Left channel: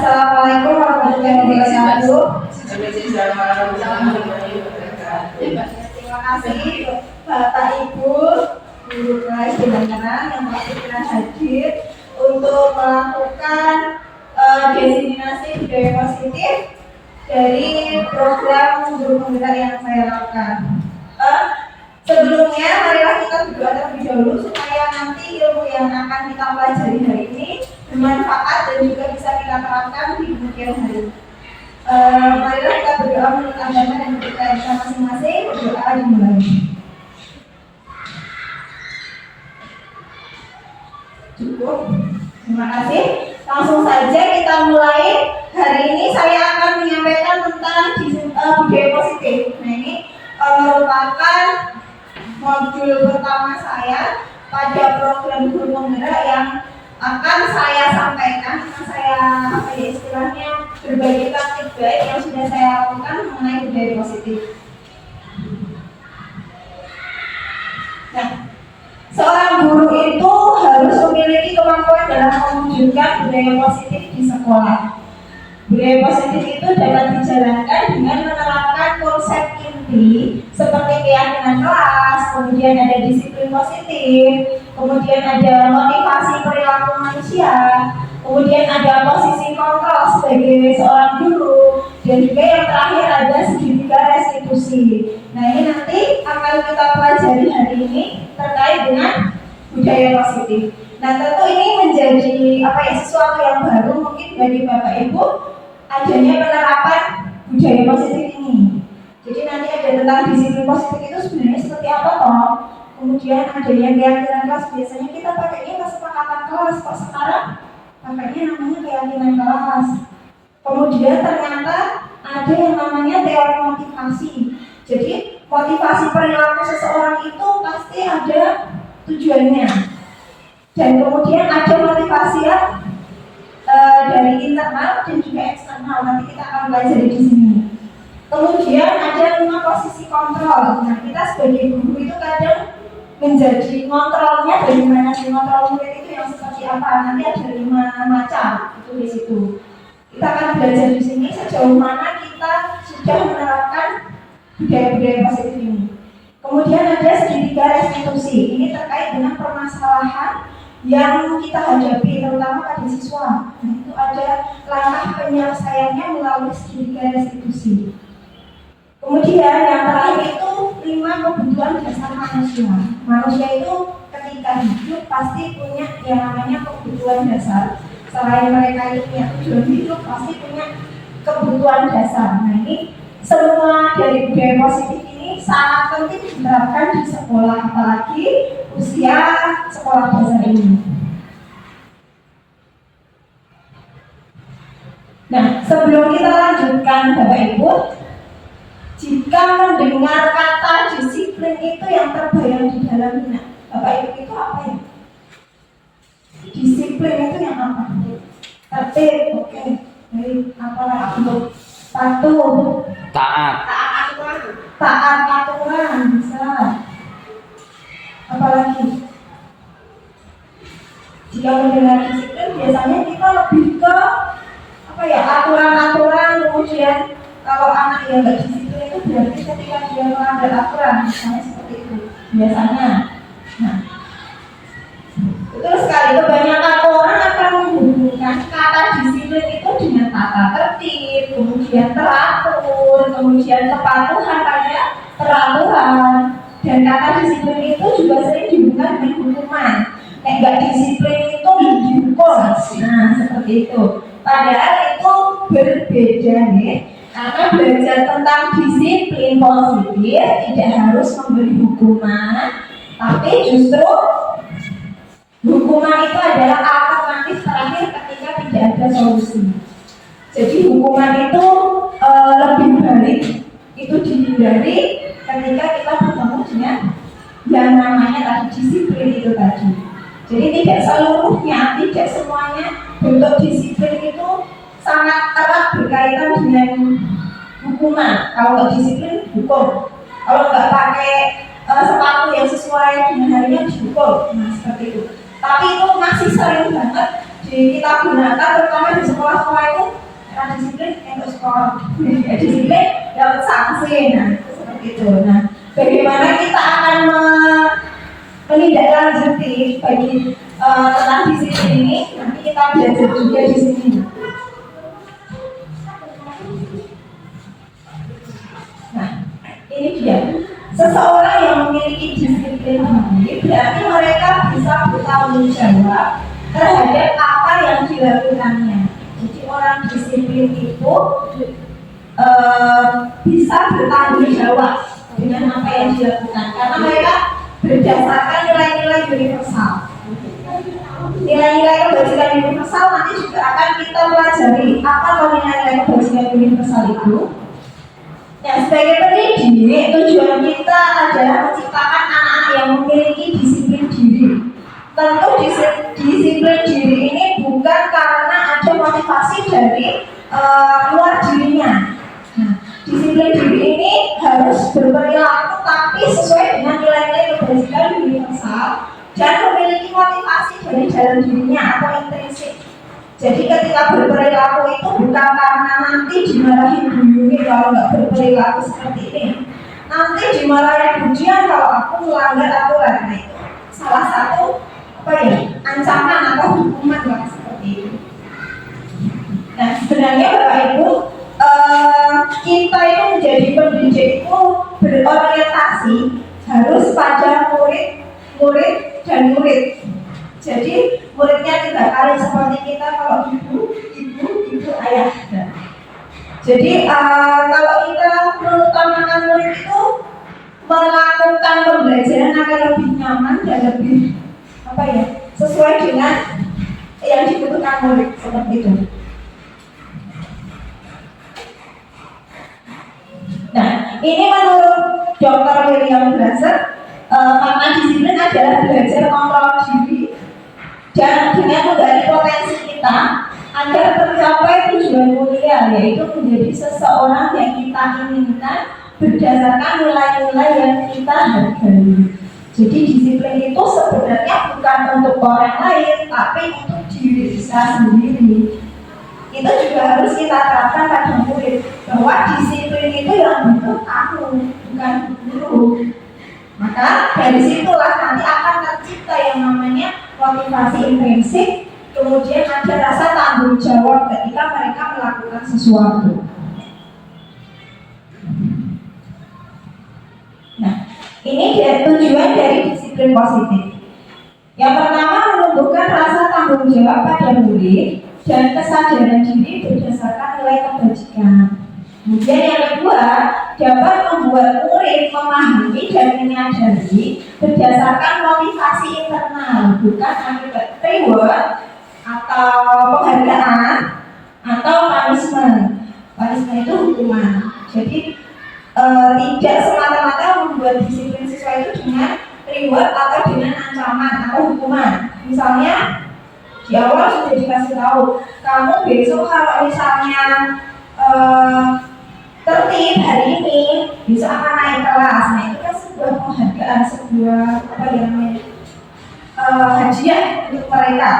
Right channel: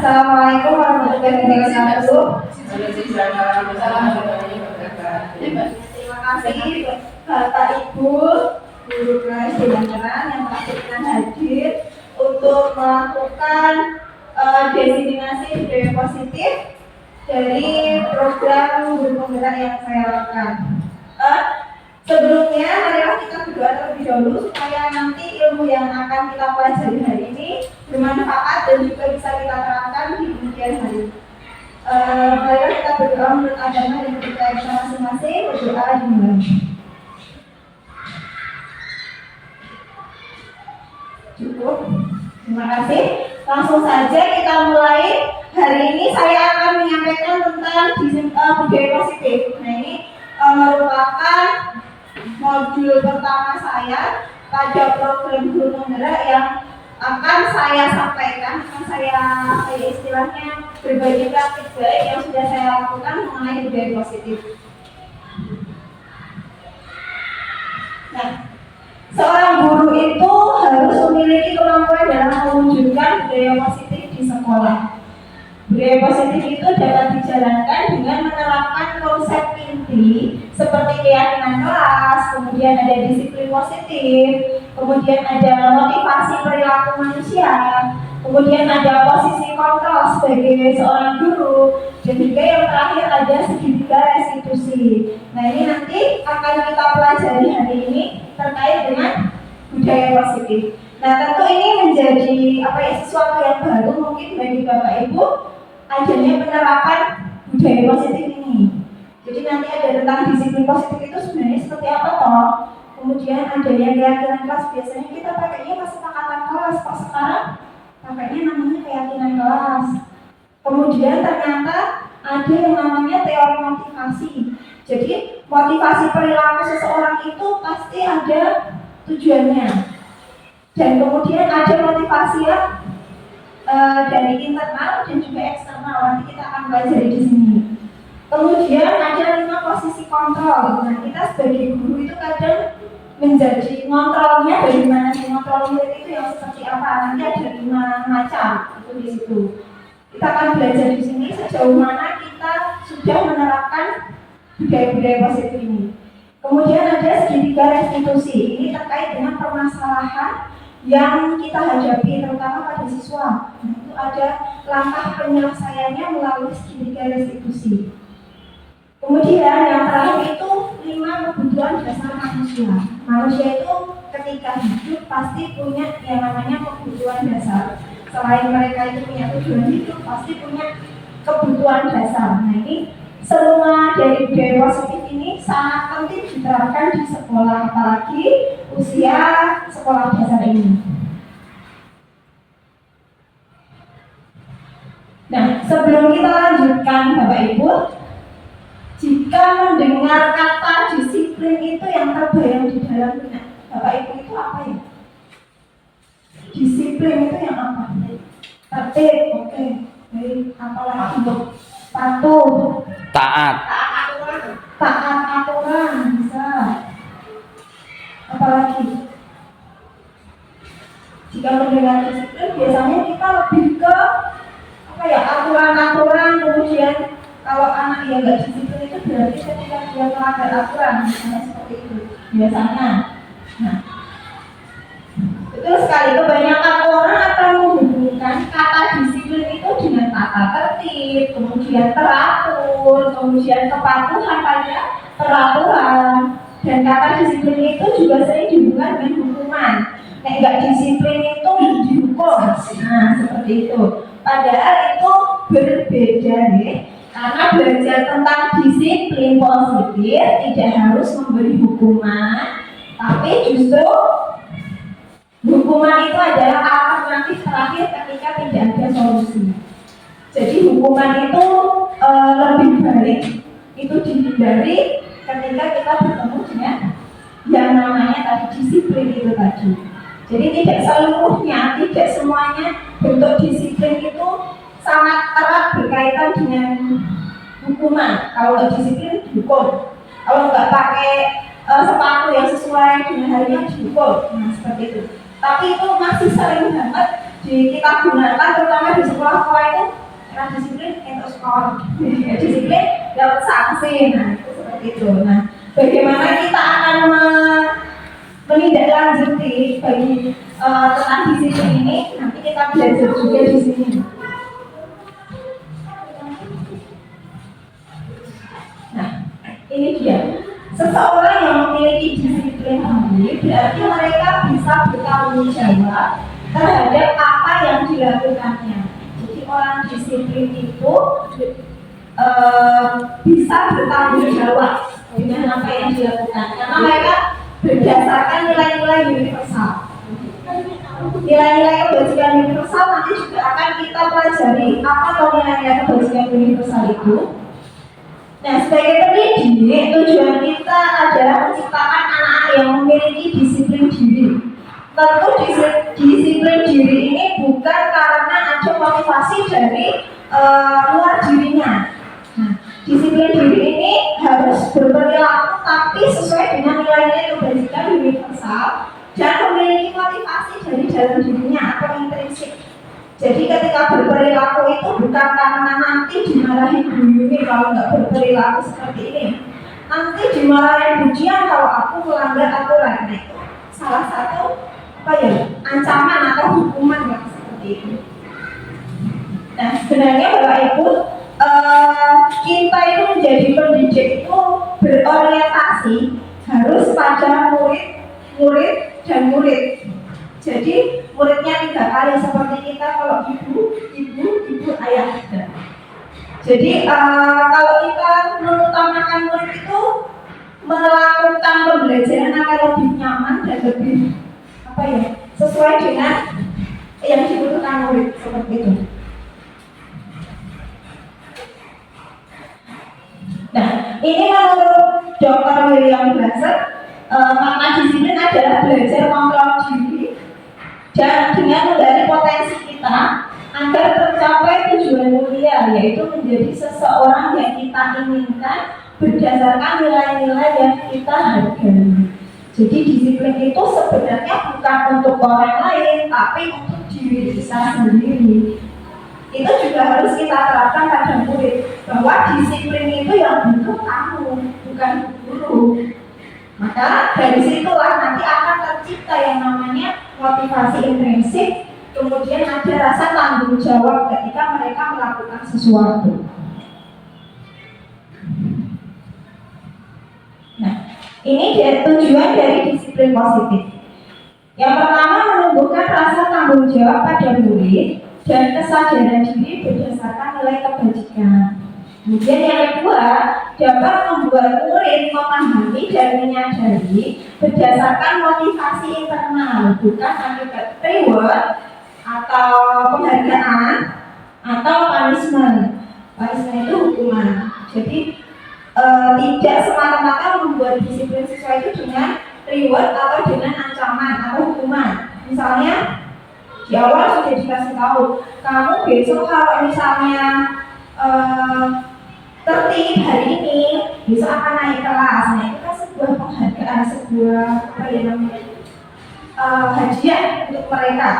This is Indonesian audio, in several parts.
Assalamualaikum warahmatullahi wabarakatuh. Terima kasih Bapak Ibu guru kelas Jalan yang berkenan hadir untuk melakukan diseminasi budaya positif dari program guru penggerak yang saya lakukan. Sebelumnya, marilah kita berdoa terlebih dahulu supaya nanti ilmu yang akan kita pelajari hari ini bermanfaat dan juga bisa kita terapkan di kemudian hari. Marilah kita berdoa menurut agama dan kepercayaan kita masing-masing. Berdoa dimulai. Cukup. Terima kasih. Langsung saja kita mulai. Hari ini saya akan menyampaikan tentang budaya positif. Nah, ini merupakan modul pertama saya pada program guru penggerak yang akan saya sampaikan, istilahnya berbagi praktik baik yang sudah saya lakukan mengenai budaya positif. Nah, seorang guru itu harus memiliki kemampuan dalam mewujudkan budaya positif di sekolah. Budaya positif itu dapat dijalankan dengan menerapkan konsep inti seperti keyakinan kelas, kemudian ada disiplin positif, kemudian ada motivasi perilaku manusia, kemudian ada posisi kontrol sebagai seorang guru, dan juga yang terakhir ada segitiga restitusi. Nah, ini nanti akan kita pelajari hari ini terkait dengan budaya positif. Nah, tentu ini menjadi sesuatu yang baru mungkin bagi Bapak Ibu adanya penerapan budaya positif ini. Jadi nanti ada tentang disiplin positif itu sebenarnya seperti apa toh? Kemudian ada yang keyakinan kelas, biasanya kita pakainya kesepakatan kelas, kok sekarang pakainya namanya keyakinan kelas. Kemudian ternyata ada yang namanya teori motivasi. Jadi motivasi perilaku seseorang itu pasti ada tujuannya. Dan kemudian ada motivasi yang dari internal dan juga eksternal, nanti kita akan belajar di sini. Kemudian ada 5 posisi kontrol. Nah, kita sebagai guru itu kadang menjadi kontrolnya dari mana sih, kontrol murid itu yang seperti apa? Nanti ada 5 macam itu di situ. Kita akan belajar di sini sejauh mana kita sudah menerapkan budaya-budaya positif ini. Kemudian ada segitiga restitusi. Ini terkait dengan permasalahan yang kita hadapi terutama pada siswa. Nah, itu ada langkah penyelesaiannya melalui segitiga restitusi. Kemudian yang terakhir itu 5 kebutuhan dasar manusia. Manusia itu ketika hidup pasti punya yang namanya kebutuhan dasar. Selain mereka itu punya tujuan hidup, pasti punya kebutuhan dasar. Nah, ini semua dari budaya positif ini sangat penting diterapkan di sekolah, apalagi usia sekolah dasar ini. Nah, sebelum kita lanjutkan Bapak Ibu, jika mendengar kata disiplin itu yang terbayang di dalam benak Bapak Ibu itu apa ya? Disiplin itu yang apa? Tertib, oke. Baik, apa lagi? Patuh. Taat. Taat aturan bisa. Apalagi? Jika mendengar disiplin biasanya kita lebih ke aturan-aturan, kemudian kalau anak yang nggak disiplin itu berarti ketika dia melanggar aturan, misalnya seperti itu biasanya. Nah, betul sekali, kebanyakan orang akan menghubungkan kata disiplin itu dengan tata tertib, kemudian teratur, kemudian kepatuhan pada peraturan, dan kata disiplin itu juga sering dihubungkan dengan hukuman. Nek nggak disiplin itu dihukum. Nah, seperti itu. Padahal itu berbeda nih. Karena belajar tentang disiplin positif tidak harus memberi hukuman, tapi justru hukuman itu adalah alternatif terakhir ketika tidak ada solusi. Jadi hukuman itu lebih baik itu dihindari ketika kita bertemu dengan yang namanya tadi disiplin itu tadi. Jadi tidak seluruhnya, tidak semuanya bentuk disiplin itu sangat erat berkaitan dengan hukuman. Kalau nggak disiplin, hukum. Kalau nggak pakai sepatu yang sesuai dengan harinya, dihukum. Nah, seperti itu. Tapi itu masih sering banget kita gunakan terutama di sekolah-sekolah itu karena disiplin untuk skor, disiplin dapat sanksi. Nah itu seperti itu. Nah bagaimana kita akan menindaklanjuti bagi tentang disiplin ini, nanti kita belajar juga di sini. Nah ini dia, seseorang yang memiliki disiplin tinggi berarti mereka bisa bertanggung jawab terhadap apa yang dilakukannya. Jadi orang disiplin itu bisa bertanggung jawab dengan apa yang dilakukan karena mereka berdasarkan nilai-nilai universal. Nilai-nilai kebajikan universal nanti juga akan kita pelajari apa nilai-nilai kebajikan universal itu. Nah, sebagai pendidik, tujuan kita adalah menciptakan anak-anak yang memiliki disiplin diri. Tentu disiplin diri ini bukan karena ada motivasi dari luar dirinya. Nah, disiplin diri ini harus berperilaku tapi sesuai dengan nilai-nilai kebajikan universal dan memiliki motivasi dari dalam dirinya atau intrinsik. Jadi ketika berperilaku itu bukan karena nanti dimarahin Bu Yuni kalau nggak berperilaku seperti ini, nanti dimarahin Bu Dian kalau aku melanggar aturan. Nah itu salah satu ancaman atau hukuman yang seperti itu. Nah sebenarnya Bapak Ibu, kita itu menjadi pendidik itu berorientasi harus pada murid dan murid. Jadi muridnya 3 kali seperti kita kalau ibu, ayah. Jadi kalau kita mengutamakan murid itu melakukan pembelajaran akan lebih nyaman dan lebih sesuai dengan yang dibutuhkan murid seperti itu. Nah, ini menurut Dr. William Glasser, makna disiplin adalah belajar kontrol diri dan dengan menggali potensi kita agar tercapai tujuan mulia, yaitu menjadi seseorang yang kita inginkan berdasarkan nilai-nilai yang kita hargai. Jadi disiplin itu sebenarnya bukan untuk orang lain, tapi untuk diri kita sendiri. Itu juga harus kita terapkan pada murid, bahwa disiplin itu yang butuh kamu, bukan guru. Maka dari situlah nanti akan tercipta yang namanya motivasi intrinsik, kemudian ada rasa tanggung jawab ketika mereka melakukan sesuatu. Nah, ini tujuan dari disiplin positif. Yang pertama, menumbuhkan rasa tanggung jawab pada murid dan kesadaran diri berdasarkan nilai kebajikan. Kemudian yang kedua, dapat membuat murid memahami dan menyadari berdasarkan motivasi internal, bukan akibat reward atau penghargaan atau punishment. Punishment itu hukuman. Jadi tidak semata-mata membuat disiplin siswa itu dengan reward atau dengan ancaman atau hukuman. Misalnya di awal sudah dikasih tahu, kamu besok kalau misalnya tertib hari ini, besok akan naik kelas. Nah itu kan sebuah penghargaan, sebuah hadiah untuk mereka.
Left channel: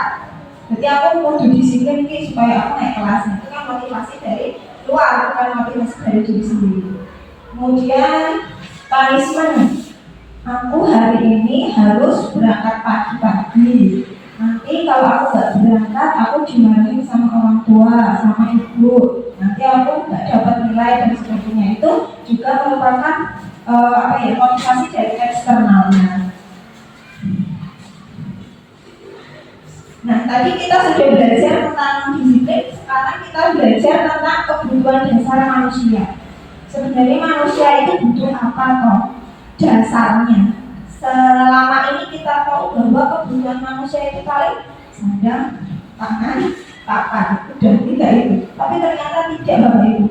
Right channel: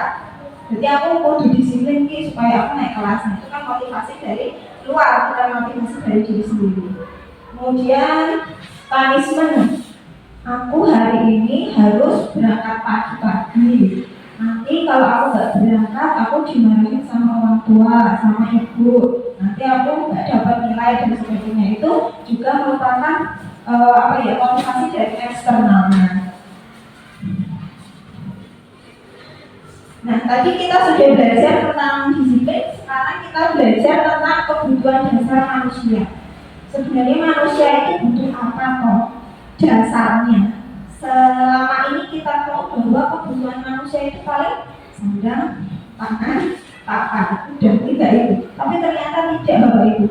Jadi aku kudu disiplin supaya aku naik kelas. Nah, itu kan motivasi dari luar, bukan motivasi dari diri sendiri. Kemudian punishment, aku hari ini harus berangkat pagi-pagi. Nanti kalau aku nggak berangkat, aku dimarahin sama orang tua, sama ibu. Nanti aku nggak dapat nilai dan sebagainya. Itu juga merupakan motivasi dari eksternalnya. Nah, tadi kita sudah belajar tentang disiplin. Sekarang kita belajar tentang kebutuhan dasar manusia. Sebenarnya manusia itu butuh apa toh? Dasarnya. Selama ini kita tahu bahwa kebutuhan manusia itu paling sandang, pangan, papan, udah 3 itu. Tapi ternyata tidak, Bapak Ibu.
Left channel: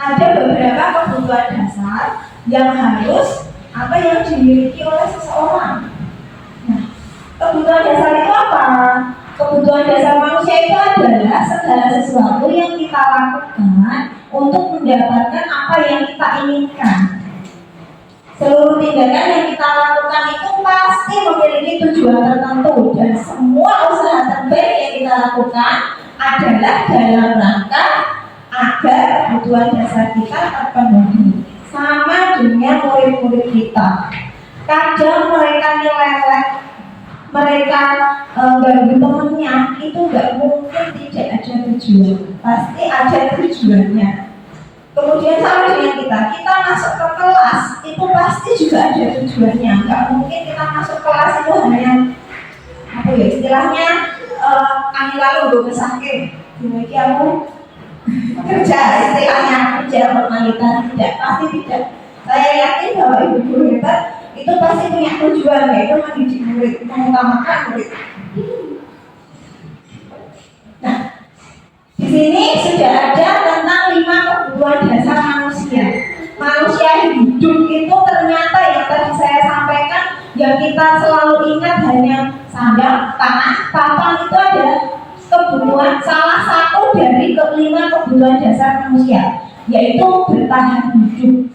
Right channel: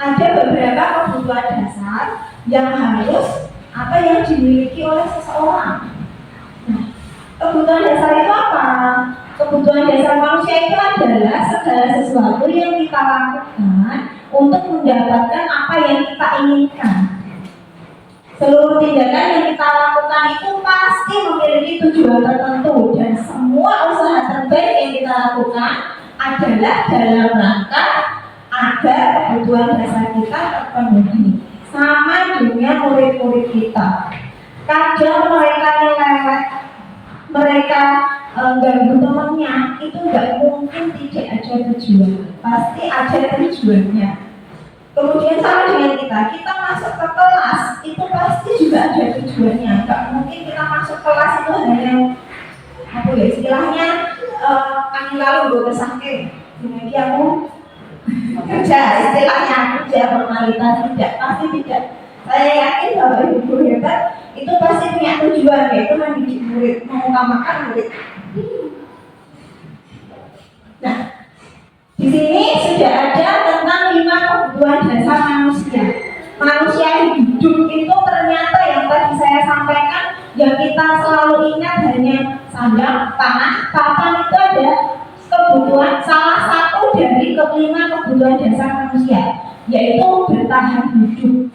Ada beberapa kebutuhan dasar yang harus yang dimiliki oleh seseorang. Nah, kebutuhan dasar itu apa? Kebutuhan dasar manusia itu adalah segala sesuatu yang kita lakukan untuk mendapatkan apa yang kita inginkan. Seluruh tindakan yang kita lakukan itu pasti memiliki tujuan tertentu, dan semua usaha terbaik yang kita lakukan adalah dalam rangka agar kebutuhan dasar kita terpenuhi. Sama dengan murid-murid kita, kadang mereka nyeleweng, mereka ganggu temennya, itu nggak mungkin tidak ada tujuan, pasti ada tujuannya. Kemudian sama dengan kita masuk ke kelas itu pasti juga ada tujuannya. Nggak mungkin kita masuk kelas itu hanya apa ya istilahnya angin lalu gue kesake, gimana kamu kerja, istilahnya kerja formalitas, tidak, pasti tidak. Saya yakin bahwa ibu guru hebat itu pasti punya tujuan, yaitu mendidik murid, mengutamakan murid. Nah, di sini sudah ada tentang 5 kebutuhan dasar manusia. Manusia hidup itu ternyata yang tadi saya sampaikan, yang kita selalu ingat hanya sandang, pangan, papan, itu ada kebutuhan, salah satu dari 5 kebutuhan dasar manusia, yaitu bertahan hidup.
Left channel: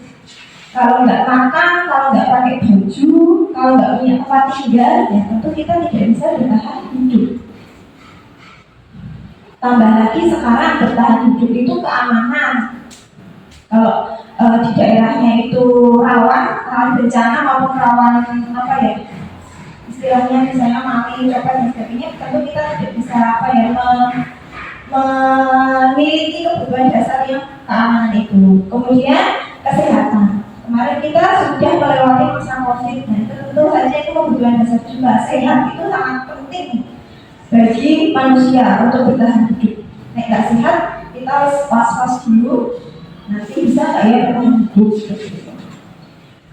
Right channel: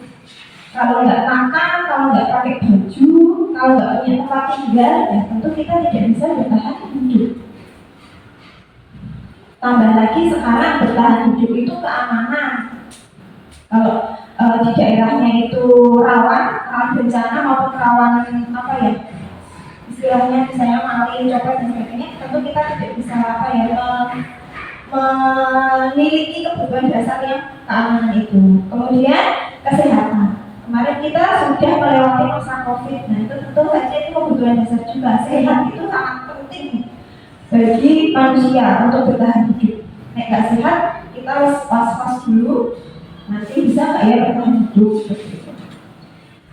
Kalau nggak makan, kalau nggak pakai baju, kalau nggak punya tempat tinggal, ya tentu kita tidak bisa bertahan hidup. Tambah lagi sekarang bertahan hidup itu keamanan. Kalau di daerahnya itu rawan bencana maupun rawan apa ya istilahnya misalnya maling, copet dan sebagainya, tentu kita tidak bisa apa ya memiliki kebutuhan dasar yang keamanan itu. Kemudian kesehatan. Kemarin kita sudah melewati masa COVID, nah itu tentu saja itu kebutuhan dasar juga. Sehat itu sangat penting bagi manusia untuk bertahan hidup. Nek nggak sehat, kita harus was-was dulu, nanti bisa nggak ya bertahan hidup.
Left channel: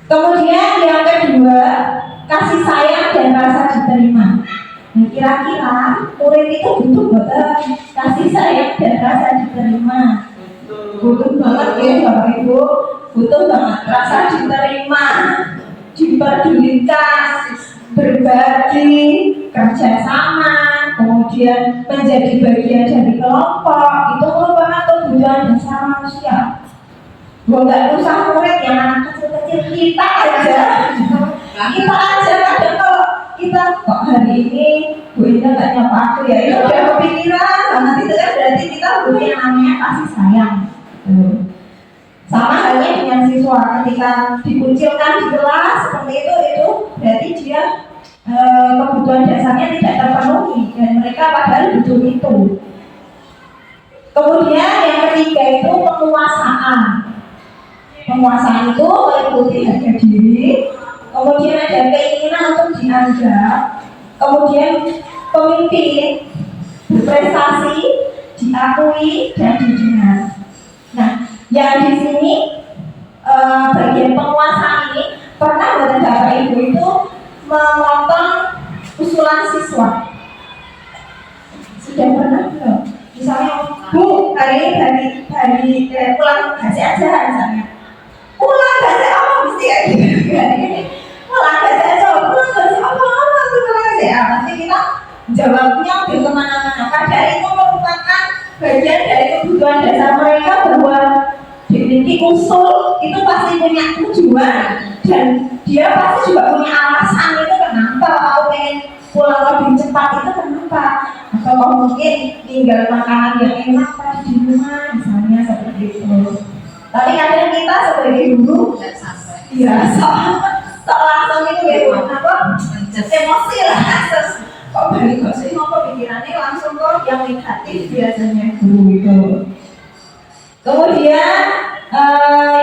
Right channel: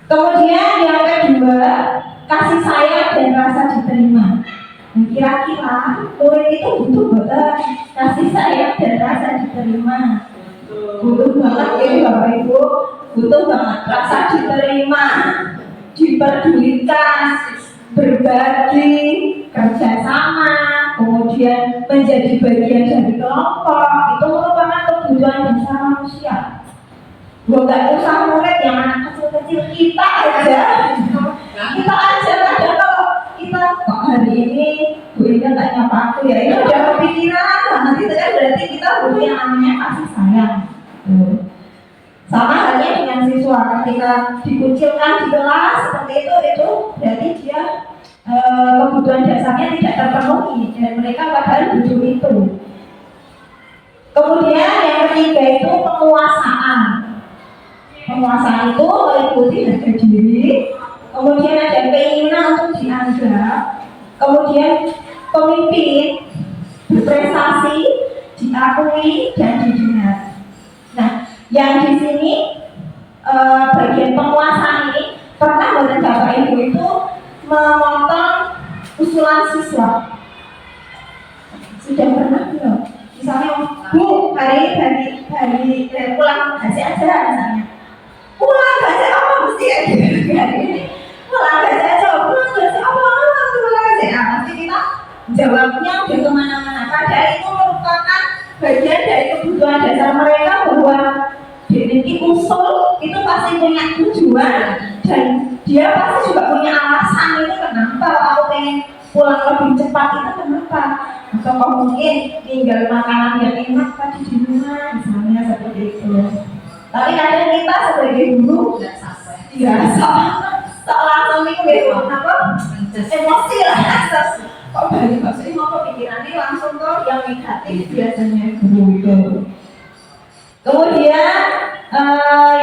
Kemudian yang kedua, kasih sayang dan rasa diterima. Nah, kira-kira murid itu butuh banget kasih sayang dan rasa diterima. Butuh banget ya Bapak Ibu, butuh banget rasa diterima, diperdulikan, berbagi, kerjasama, kemudian menjadi bagian dari kelompok. Itu merupakan kebutuhan dasar manusia. Nggak usah murid yang anak kecil-kecil, kita aja kadang kalau kita kok hari ini Bu Ida nggak nyapa aku ya, itu udah kepikiran banget. Itu kan berarti kita butuh yang namanya kasih sayang. Sama halnya dengan siswa, ketika dikucilkan di kelas seperti itu berarti dia kebutuhan dasarnya tidak terpenuhi dan mereka padahal butuh itu. Kemudian yang ketiga itu penguasaan. Penguasaan itu meliputi harga diri, kemudian ada keinginan untuk dianggap, kemudian pemimpin berprestasi, diakui dan didengar. Nah, yang di sini bagian penguasaan ini pernah buatan Bapak Ibu itu memotong usulan siswa. Sudah pernah belum? Misalnya, Bu, hari ini pulang kasih aja misalnya. Pulang kasih apa mesti ya gitu hari ini. Pulang kasih aja, pulang kasih apa pulang kasih apa. Pasti kita jawabnya udah kemana-mana. Padahal itu merupakan bagian dari kebutuhan dasar mereka bahwa jadi usul itu pasti punya tujuan dan dia pasti juga punya alasan itu kenapa aku pengen pulang lebih cepat itu kenapa. Atau mungkin tinggal makanan yang enak tadi di rumah misalnya seperti itu. Tapi kadang kita sebagai guru nggak sampai, ya langsung itu apa emosi lah, kok balik kok sih ngapa pikirannya langsung kok yang negatif biasanya guru itu. Kemudian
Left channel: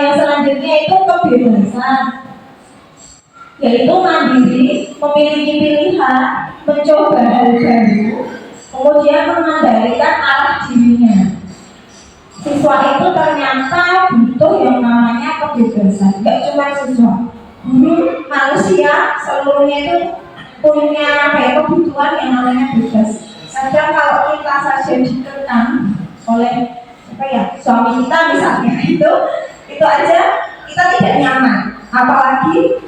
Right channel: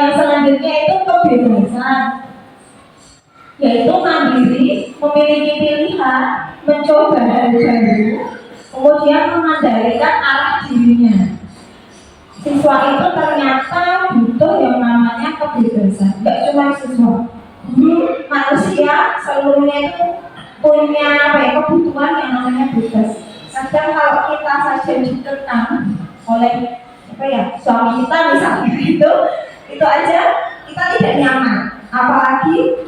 yang selanjutnya itu kebebasan, yaitu mandiri, memiliki pilihan, mencoba hal baru, kemudian mengendalikan arah dirinya. Siswa itu ternyata butuh yang namanya kebebasan. Gak cuma siswa, guru, manusia seluruhnya itu punya kebutuhan yang namanya bebas. Kadang kalau kita saja dikekang oleh suami kita misalnya, itu aja kita tidak nyaman. Apalagi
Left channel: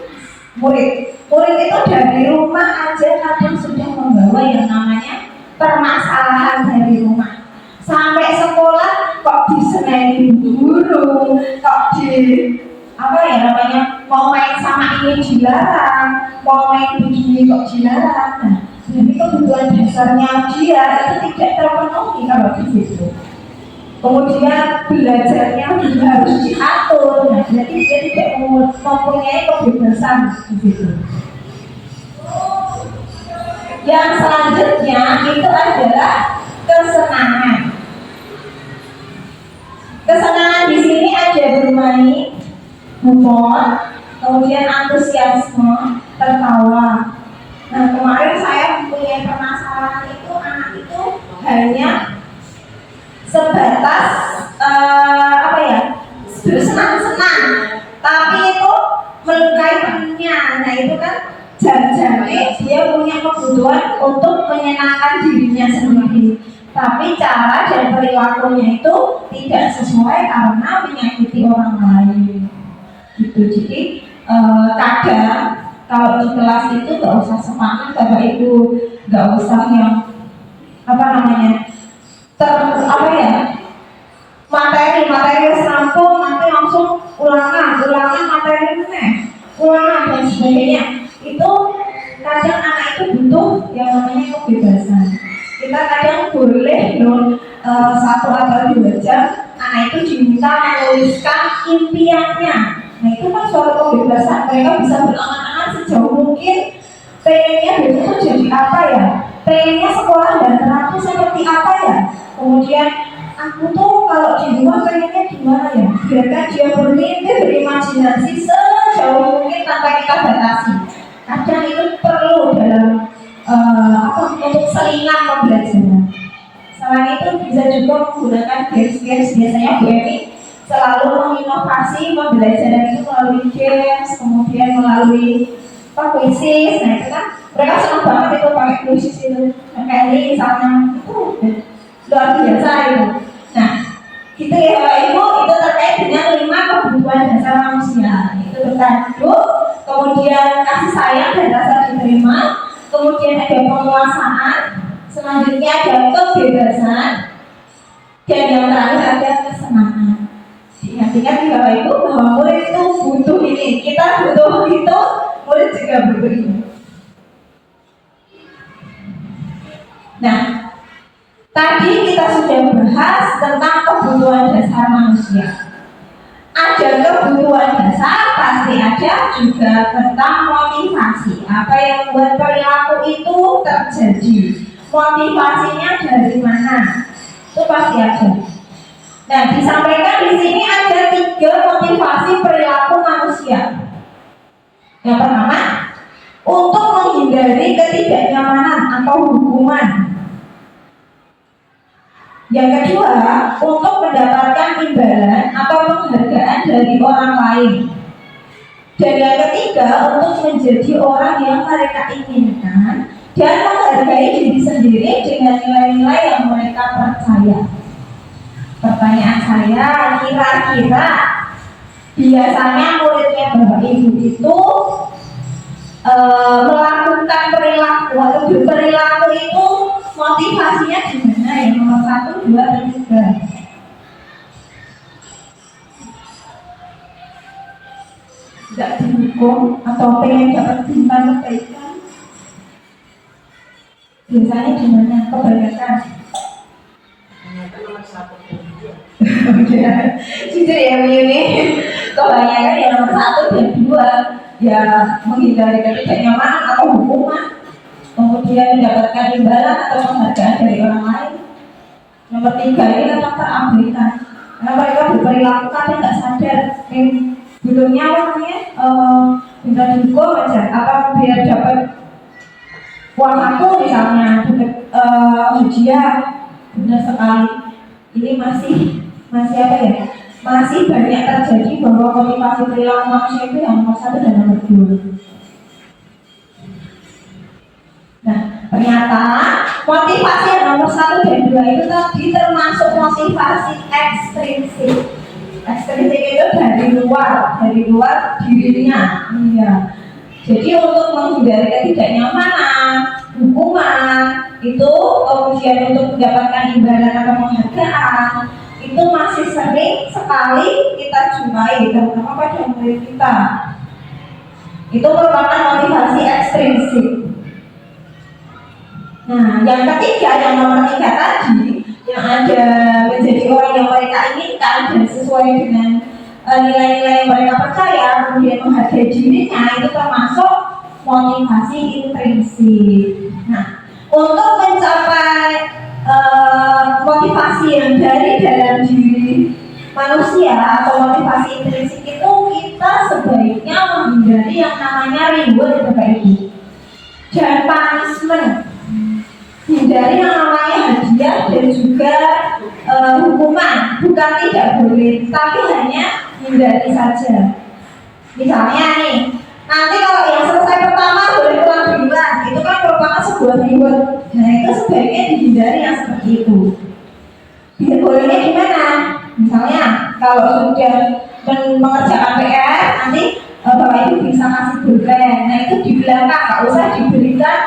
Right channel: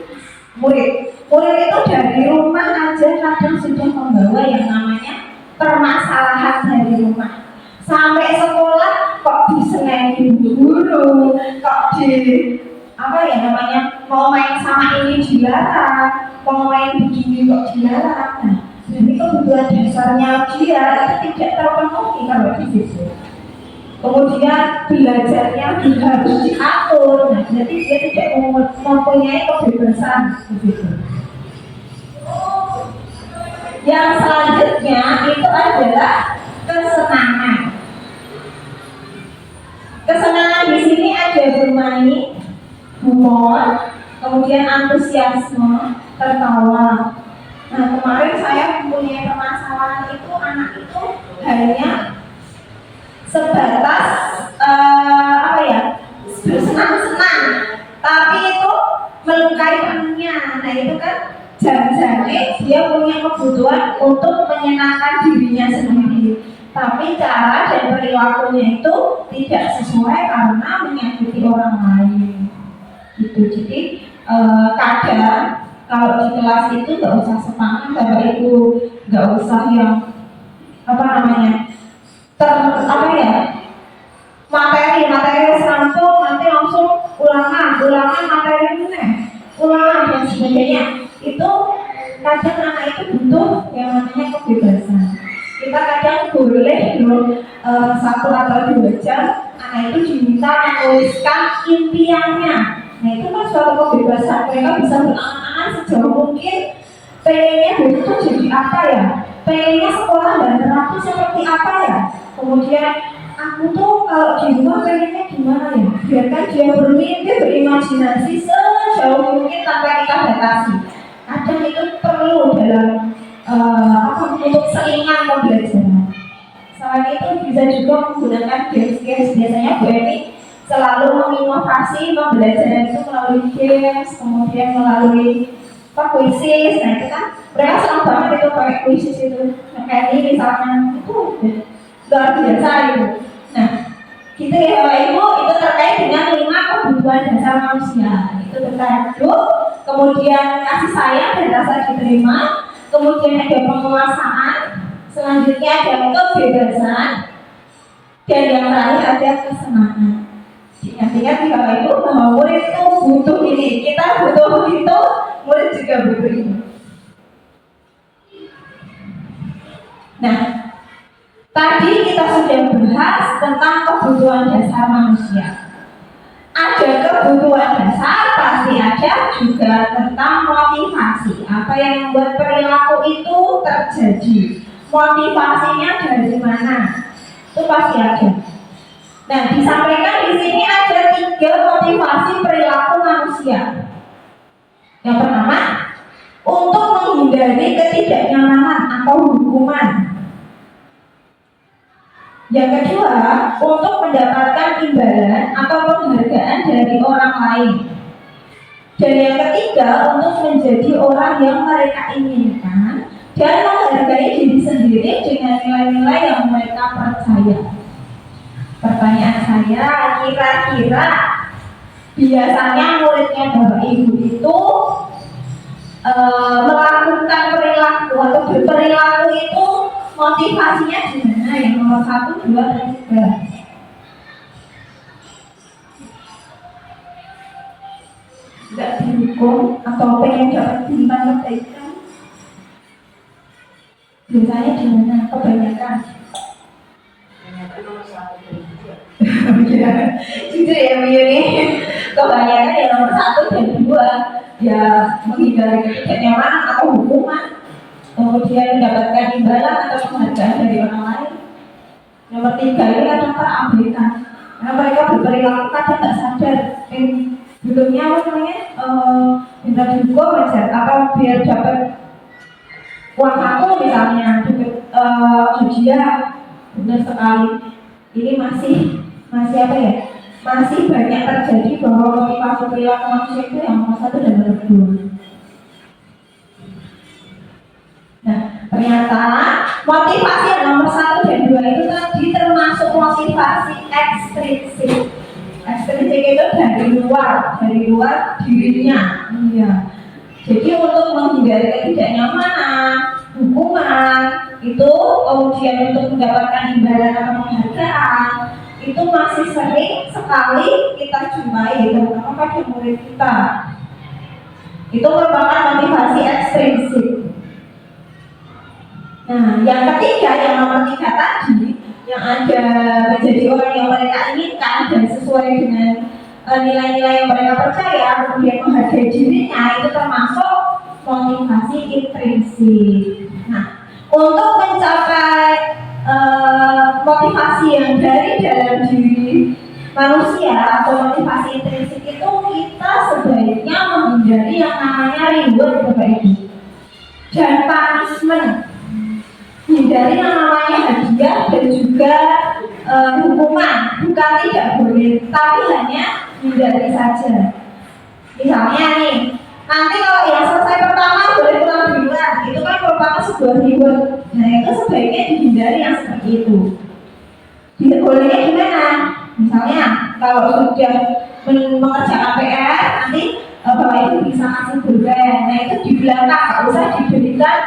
murid itu dari rumah aja kadang sudah membawa yang namanya permasalahan dari rumah. Sampai sekolah kok diseneni guru, kok mau main sama ini dilarang, mau main begini kok dilarang. Nah, jadi kebutuhan dasarnya dia itu tidak terpenuhi kalau di situ. Kemudian belajarnya juga harus diatur. Nah, jadi dia tidak mempunyai kebebasan di situ. Yang selanjutnya itu adalah kesenangan. Kesenangan di sini ada bermain, humor, kemudian antusiasme, tertawa. Nah, kemarin saya mempunyai permasalahan itu anak itu hanya sebatas bersenang-senang, tapi itu melukai temannya. Nah, itu kan jangan-jangan dia punya kebutuhan untuk menyenangkan dirinya sendiri, tapi cara dan perilakunya itu tidak sesuai karena menyakiti orang lain gitu. Jadi kadang kalau di kelas itu nggak usah semangat Bapak Ibu, nggak usah yang materi serampung, nanti langsung ulangan materi ini ulangan dan sebagainya. Itu kadang anak itu butuh yang namanya kebebasan. Kita kadang boleh loh 1 atau 2 jam anak itu diminta menuliskan impiannya. Nah, itu kan suatu kebebasan. Mereka bisa berangan-angan sejauh mungkin. Pengennya besok tuh jadi apa ya? Pengennya sekolah dan teratur seperti apa ya? Kemudian aku tuh kalau di rumah pengennya gimana ya? Biarkan dia bermimpi, berimajinasi sejauh mungkin tanpa kita batasi. Kadang itu perlu dalam untuk selingan pembelajaran. Selain itu bisa juga menggunakan games. Biasanya Bu Emi selalu menginovasi pembelajaran itu melalui games, kemudian melalui kuisis. Nah, itu kan mereka senang banget itu pakai kuisis itu. Nah, kayak ini misalnya itu luar biasa itu. Nah, gitu ya Bapak Ibu, itu terkait dengan 5 kebutuhan dasar manusia. Itu bertajuk, kemudian kasih sayang dan rasa diterima, kemudian ada penguasaan, selanjutnya ada kebebasan, dan yang terakhir ada kesenangan. Ingat-ingat Bapak Ibu bahwa murid itu butuh ini, kita butuh itu, murid juga butuh ini. Nah, tadi kita sudah bahas tentang kebutuhan dasar manusia. Ada kebutuhan dasar, pasti ada juga tentang motivasi. Apa yang membuat perilaku itu terjadi? Motivasinya dari mana? Itu pasti ada. Nah, disampaikan di sini ada 3 motivasi perilaku manusia. Yang pertama, untuk menghindari ketidaknyamanan atau hukuman. Yang kedua, untuk mendapatkan imbalan atau penghargaan dari orang lain. Dan yang ketiga, untuk menjadi orang yang mereka inginkan dan menghargai diri sendiri dengan nilai-nilai yang mereka percaya. Pertanyaan saya, kira-kira biasanya muridnya Bapak Ibu itu melakukan perilaku atau berperilaku itu motivasinya gimana? Yang nomor 1, 2, dan 3. Tidak dihukum atau pengen dapat bintang kebaikan? Biasanya gimana? Kebanyakan. Jujur ya Bu Yuni, kebanyakan ya nomor 1 dan 2, ya menghindari ketidaknyamanan atau hukuman, kemudian mendapatkan imbalan atau penghargaan dari orang lain. Nomor 3 ini kadang terabaikan karena mereka berperilaku kadang nggak sadar. Butuhnya apa namanya? Minta dihukum aja, apa biar dapat uang saku misalnya, dapat hadiah. Benar sekali. Ini masih apa ya? Masih banyak terjadi bahwa motivasi perilaku manusia itu yang nomor 1 dan nomor 2. Nah, ternyata motivasi yang nomor 1 dan 2 itu tadi termasuk motivasi ekstrinsik. Ekstrinsik itu dari luar dirinya. Iya. Jadi untuk menghindari ketidaknyamanan, hukuman itu, kemudian untuk mendapatkan imbalan atau penghargaan, itu masih sering sekali kita jumpai, terutama pada murid kita. Itu merupakan motivasi ekstrinsik. Nah, yang ketiga, yang nomor 3 tadi, yang ada menjadi orang yang mereka inginkan dan sesuai dengan nilai-nilai yang mereka percaya, kemudian menghargai dirinya, itu termasuk motivasi intrinsik. Nah, untuk mencapai motivasi yang dari dalam diri manusia atau motivasi intrinsik itu, kita sebaiknya menghindari yang namanya reward, Bapak Ibu, dan punishment. Hindari yang namanya hadiah dan juga hukuman. Bukan tidak boleh, tapi hanya hindari saja. Misalnya nih, nanti kalau yang selesai pertama boleh pulang duluan, itu kan merupakan sebuah reward. Nah, itu sebaiknya dihindari yang seperti itu. Bolehnya gimana? Misalnya kalau sudah mengerjakan PR, nanti Bapak Ibu bisa kasih pulpen. Nah, itu di belakang, nggak usah diberikan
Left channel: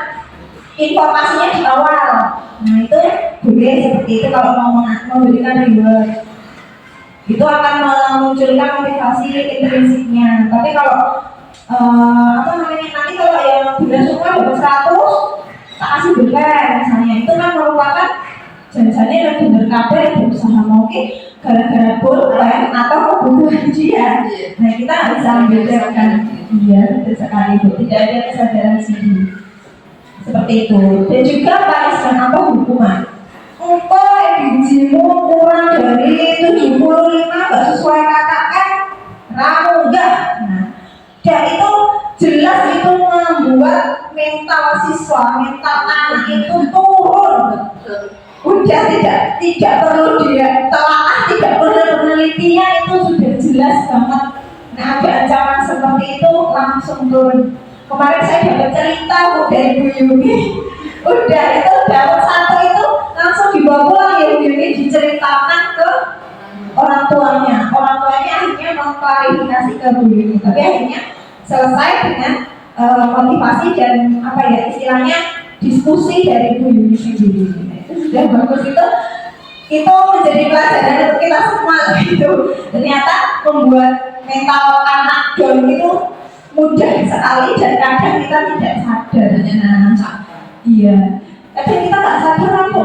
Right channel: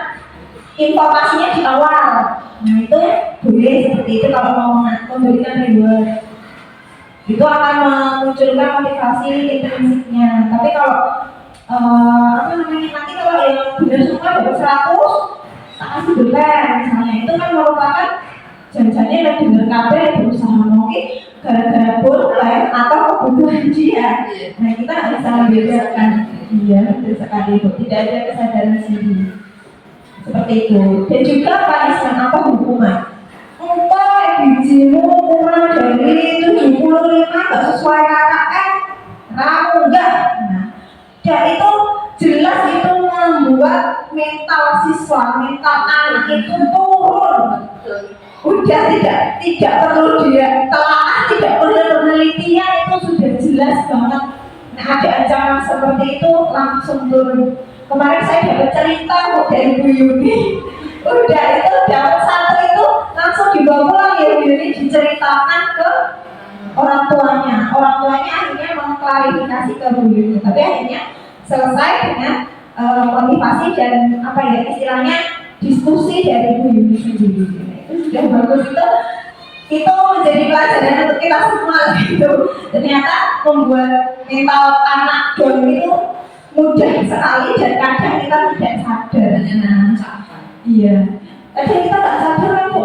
informasinya di awal. Nah, itu boleh seperti itu kalau mau memberikan reward. Itu akan memunculkan motivasi intrinsiknya. Tapi kalau nanti kalau yang benar semua dapat 100, tak kasih pulpen misalnya, itu kan merupakan janjinya yang benar kabar berusaha mungkin gara-gara pulpen atau kebutuhan dia. Nah, kita nggak bisa membedakan. Iya, betul sekali, Bu. Tidak ada kesadaran sendiri. Seperti itu. Dan juga punishment atau hukuman. Bijimu kurang dari 75, nggak sesuai KKM, kamu enggak. Nah, dan itu jelas itu membuat mental siswa, mental anak itu turun. Udah tidak perlu dia telaah, tidak perlu penelitian, itu sudah jelas banget. Nah, ada ancaman seperti itu langsung turun. Kemarin saya dapat cerita dari Bu Yuni. Udah itu dapat 1 itu langsung dibawa pulang ya Bu Yuni, diceritakan ke orang tuanya. Orang tuanya akhirnya mengklarifikasi ke Bu Yuni, tapi akhirnya selesai dengan motivasi dan istilahnya diskusi dari Bu Yuni sendiri. Itu sudah bagus, itu menjadi pelajaran untuk kita semua gitu. Ternyata membuat mental anak down itu mudah sekali dan kadang kita tidak sadar. Iya, kadang kita nggak sadar kan, Bu.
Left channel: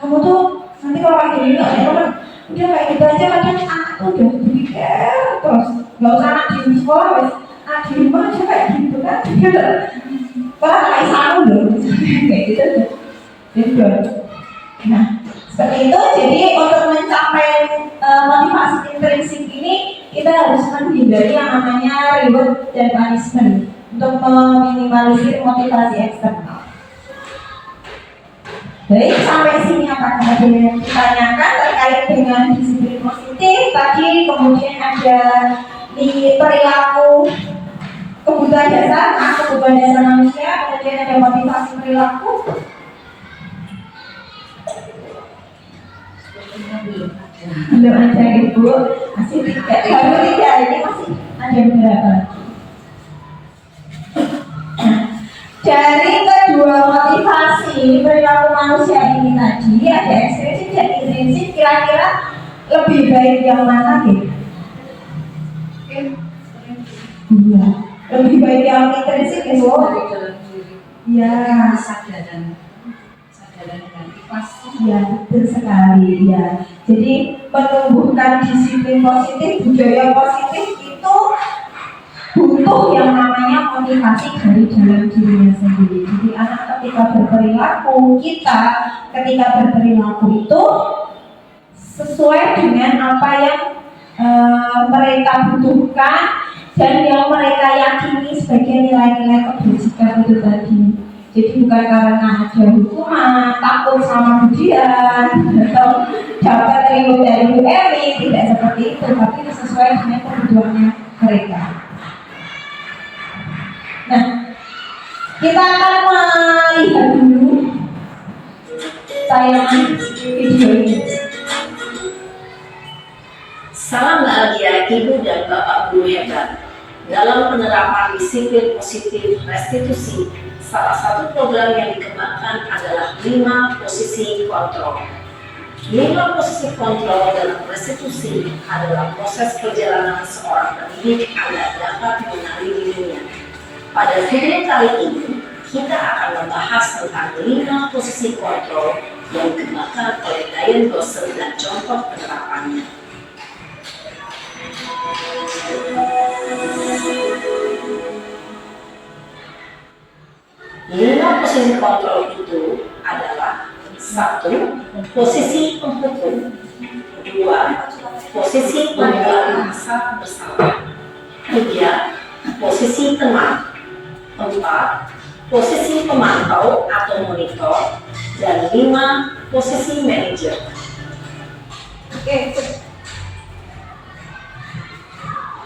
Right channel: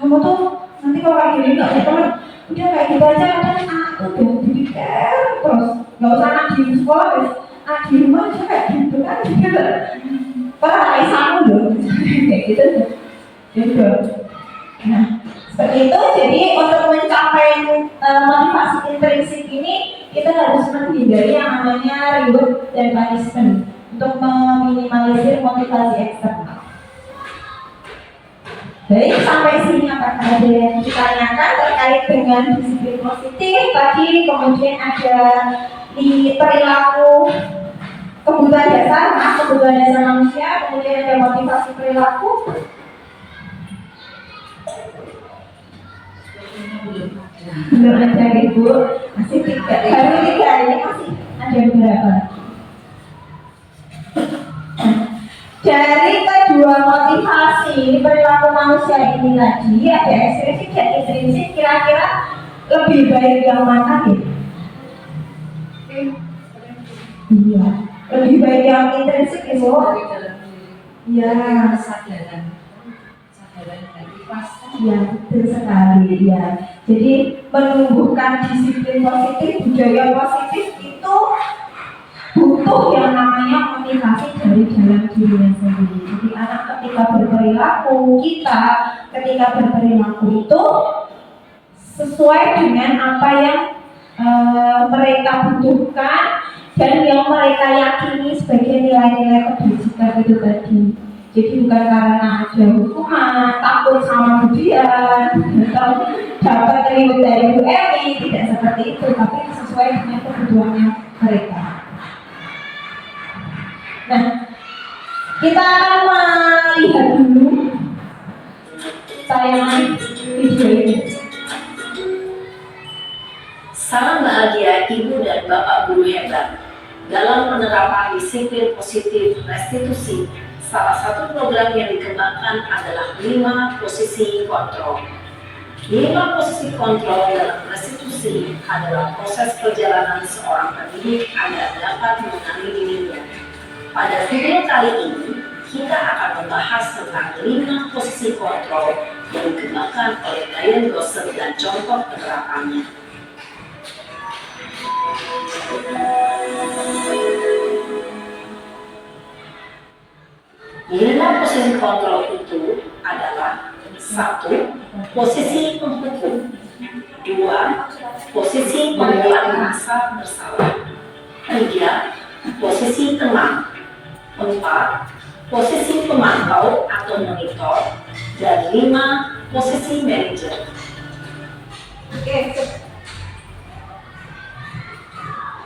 Kamu tuh nanti kalau kayak gini nggak punya teman, udah kayak gitu aja. Kadang anak tuh udah dipikir terus, nggak usah anak di sekolah, anak di rumah aja kayak gitu kan. Kalau anak Islam loh, kayak gitu tuh. Nah, seperti itu. Jadi untuk mencapai motivasi intrinsik ini, kita harus menghindari yang namanya reward dan punishment untuk meminimalisir motivasi eksternal. Baik, sampai sini apakah ada yang ditanyakan terkait dengan disiplin positif tadi? Kemudian ada di perilaku kebutuhan dasar manusia, kemudian ada motivasi perilaku. Belum ada Ibu, masih 3, baru 3, ini masih ada beberapa. Dari kedua motivasi perilaku manusia ini tadi, ada ekstrinsik dan intrinsik, kira-kira lebih baik yang mana gitu? Iya, lebih baik yang intrinsik Ibu. Iya, kesadaran dan ikhlas. Iya, betul sekali ya. Jadi menumbuhkan disiplin positif, budaya positif itu butuh yang namanya motivasi dari dalam dirinya sendiri. Jadi anak ketika berperilaku, kita ketika berperilaku itu sesuai dengan apa yang mereka butuhkan dan yang mereka yakini sebagai nilai-nilai kebajikan itu tadi. Jadi bukan karena ada hukuman, takut sama ujian, atau dapat reward dari Bu Emi, tidak seperti itu, tapi sesuai dengan kebutuhannya mereka. Nah, kita akan melihat dulu tayangan video ini. Salam bahagia Ibu dan Bapak Guru hebat. Dalam penerapan disiplin positif restitusi, salah satu program yang dikembangkan adalah 5 posisi kontrol. 5 posisi kontrol dalam restitusi adalah proses perjalanan seorang pendidik agar dapat mengenali dirinya. Pada video kali ini, kita akan membahas tentang 5 posisi kontrol yang dikembangkan oleh Diane Gosser dan contoh penerapannya. 5 posisi kontrol itu adalah: 1. Posisi penghukum. 2. Posisi pembuat merasa bersalah. 3. Posisi teman. 4. Posisi pemantau atau monitor. Dan 5. Posisi manajer. Oke.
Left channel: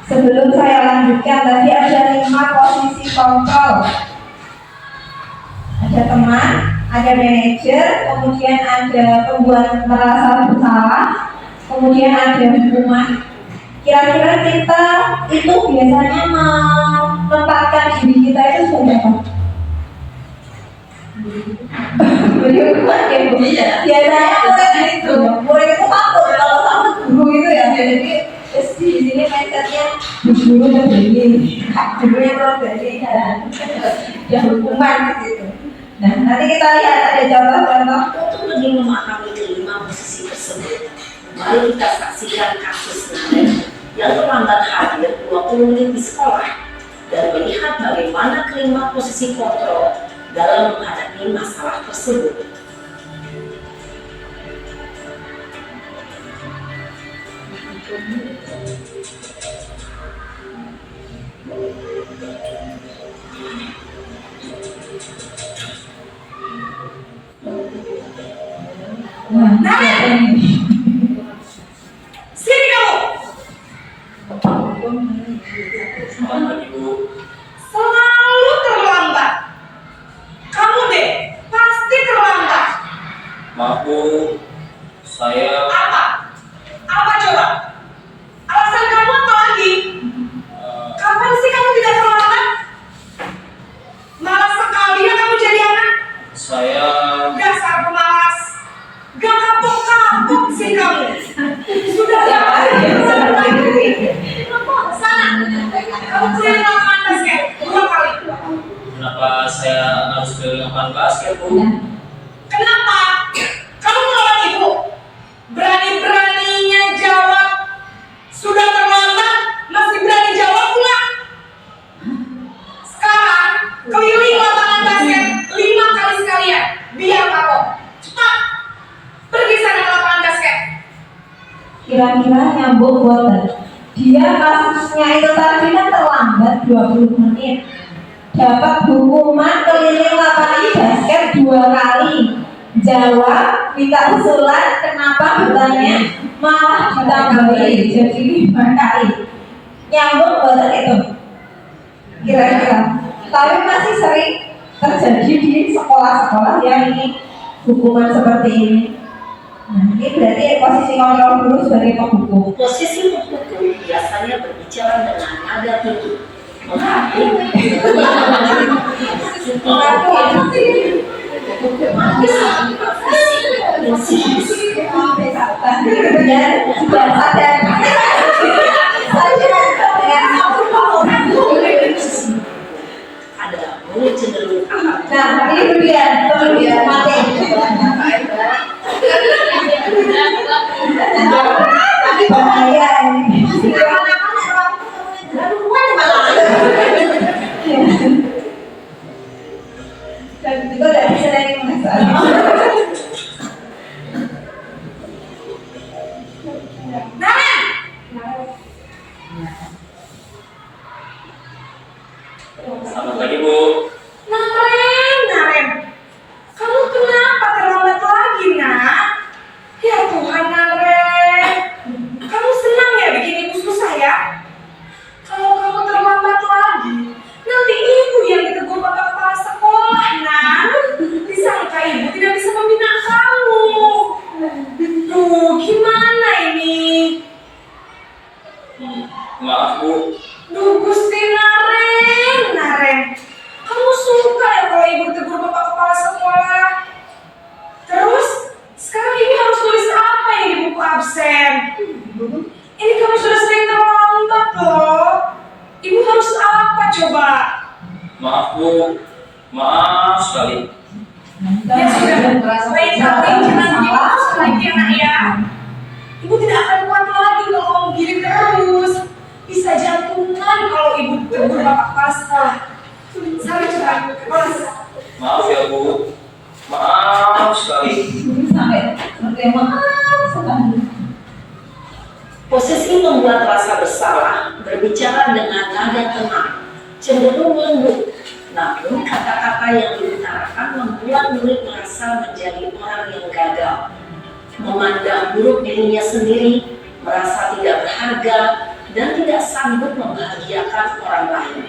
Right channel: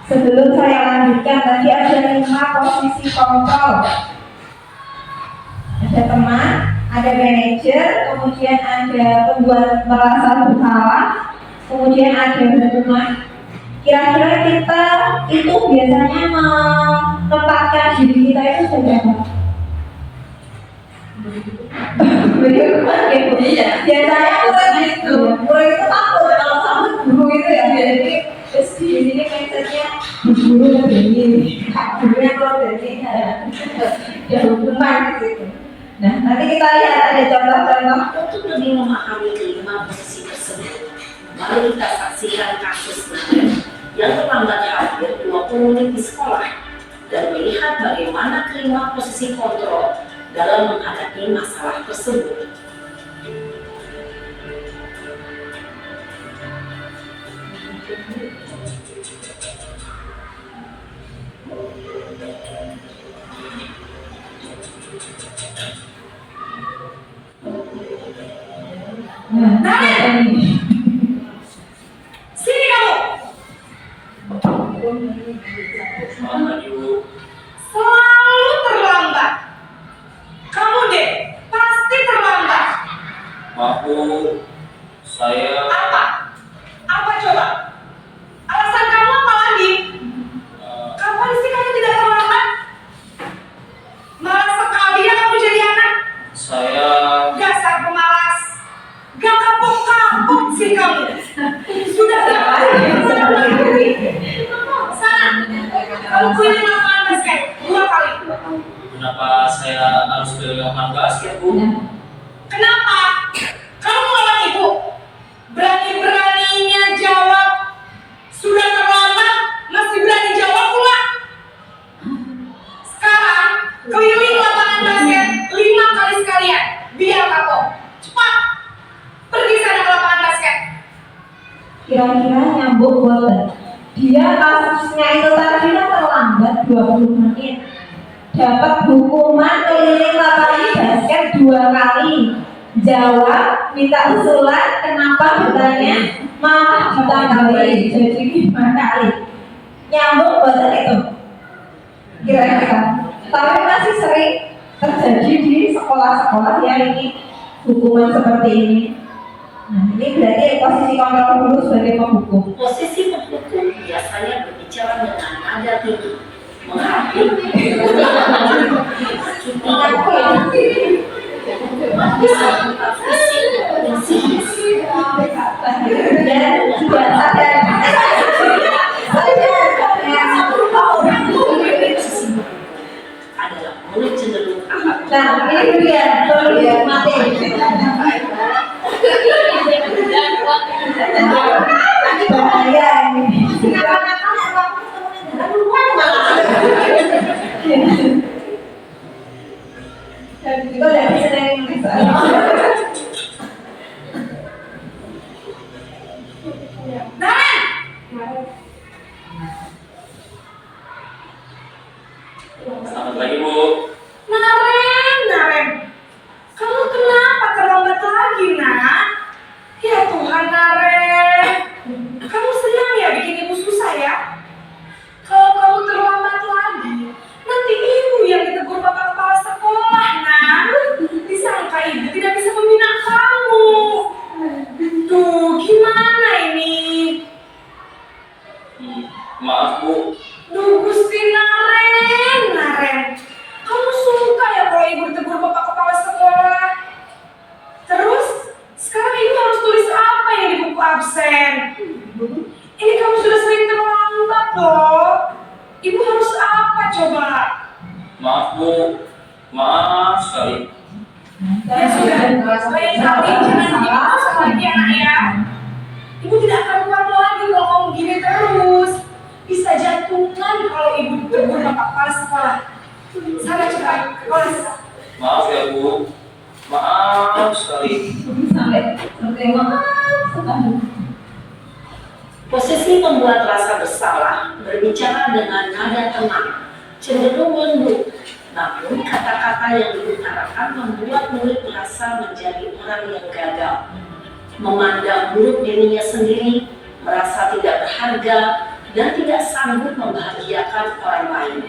Sebelum saya lanjutkan, tadi ada 5 posisi kontrol. Ada teman, ada manajer, kemudian ada pembuat merasa bersalah, kemudian ada hukuman. Kira-kira kita itu biasanya menempatkan diri kita itu sebagai apa? Biasanya murid itu takut kalau sama guru itu ya. Jadi di sini mindsetnya guru udah begini, guru itu begini, ada hukuman di situ. Nah, nanti kita lihat ada contoh-contoh. Untuk lebih memahami kelima posisi tersebut, mari kita saksikan kasus Naren yang terlambat hadir 20 menit di sekolah dan melihat bagaimana kelima posisi kontrol dalam menghadapi masalah tersebut. Naren! Sini kamu! Selamat pagi, Bu. Selalu terlambat. Kamu deh, pasti terlambat. Maaf, Bu. Saya Apa? Apa coba? Alasan kamu apa lagi? Kapan sih kamu tidak terlambat? Malas sekali ya kamu jadi anak. saya Dasar pemalas. Gak kapok-kapok sih kamu. Sudah berapa hari terlambat? Sana, kamu keliling lapangan basket 2 kali. kenapa saya harus keliling lapangan basket, Bu? Kenapa? Kamu melawan ibu? Berani-beraninya jawab. Sudah terlambat, masih berani jawab pula. Sekarang, keliling lapangan basket 5 kali sekalian. Biar kapok. Cepat. Pergi sana ke lapangan basket. Kira-kira nyambung boten. Dia kasusnya itu tadi kan terlambat 20 menit. Dapat hukuman keliling lapangan basket 2 kali. Jawab, minta usulan, kenapa bertanya, malah ditambahi jadi 5 kali. Nyambung boten itu? Kira-kira. Tapi masih sering terjadi di sekolah-sekolah yang ini hukuman seperti ini. Nah, ini berarti posisi kontrol guru sebagai penghukum. Posisi penghukum biasanya berbicara dengan nada tinggi, menghadir hukuman bisa berupa fisik, psikis, Dan sudah sadar. adalah mulut cenderung akan Nah, ini berlian, perlu mati. Ini bahaya ini. Dan itu udah bisa dari Naren! Selamat pagi, Bu. Naren! Kamu kenapa terlambat lagi, nak? Ya Tuhan, Naren. Kamu senang ya bikin ibu susah ya? Kalau kamu terlambat lagi, nanti ibu yang ditegur bapak kepala sekolah, nak. Disangka ibu tidak bisa membina kamu. Duh, gimana ini? Maaf, Bu. Duh, Gusti Naren. Kamu Maaf Bu, maaf sekali. Ya sudah, lain kali jangan diputus lagi anak ya. Ibu tidak akan kuat lagi kalau kamu gini terus. Bisa jantungan kalau ibu tegur bapak kepala sekolah. Sana cepat ke kelas. Maaf ya Bu, maaf sekali. Sampai maaf sekali. Posisi membuat rasa bersalah, berbicara dengan nada tenang, cenderung lembut. Namun kata-kata yang diutarakan membuat murid merasa menjadi orang yang gagal, memandang buruk dirinya sendiri, merasa tidak berharga, dan tidak sanggup membahagiakan orang lain.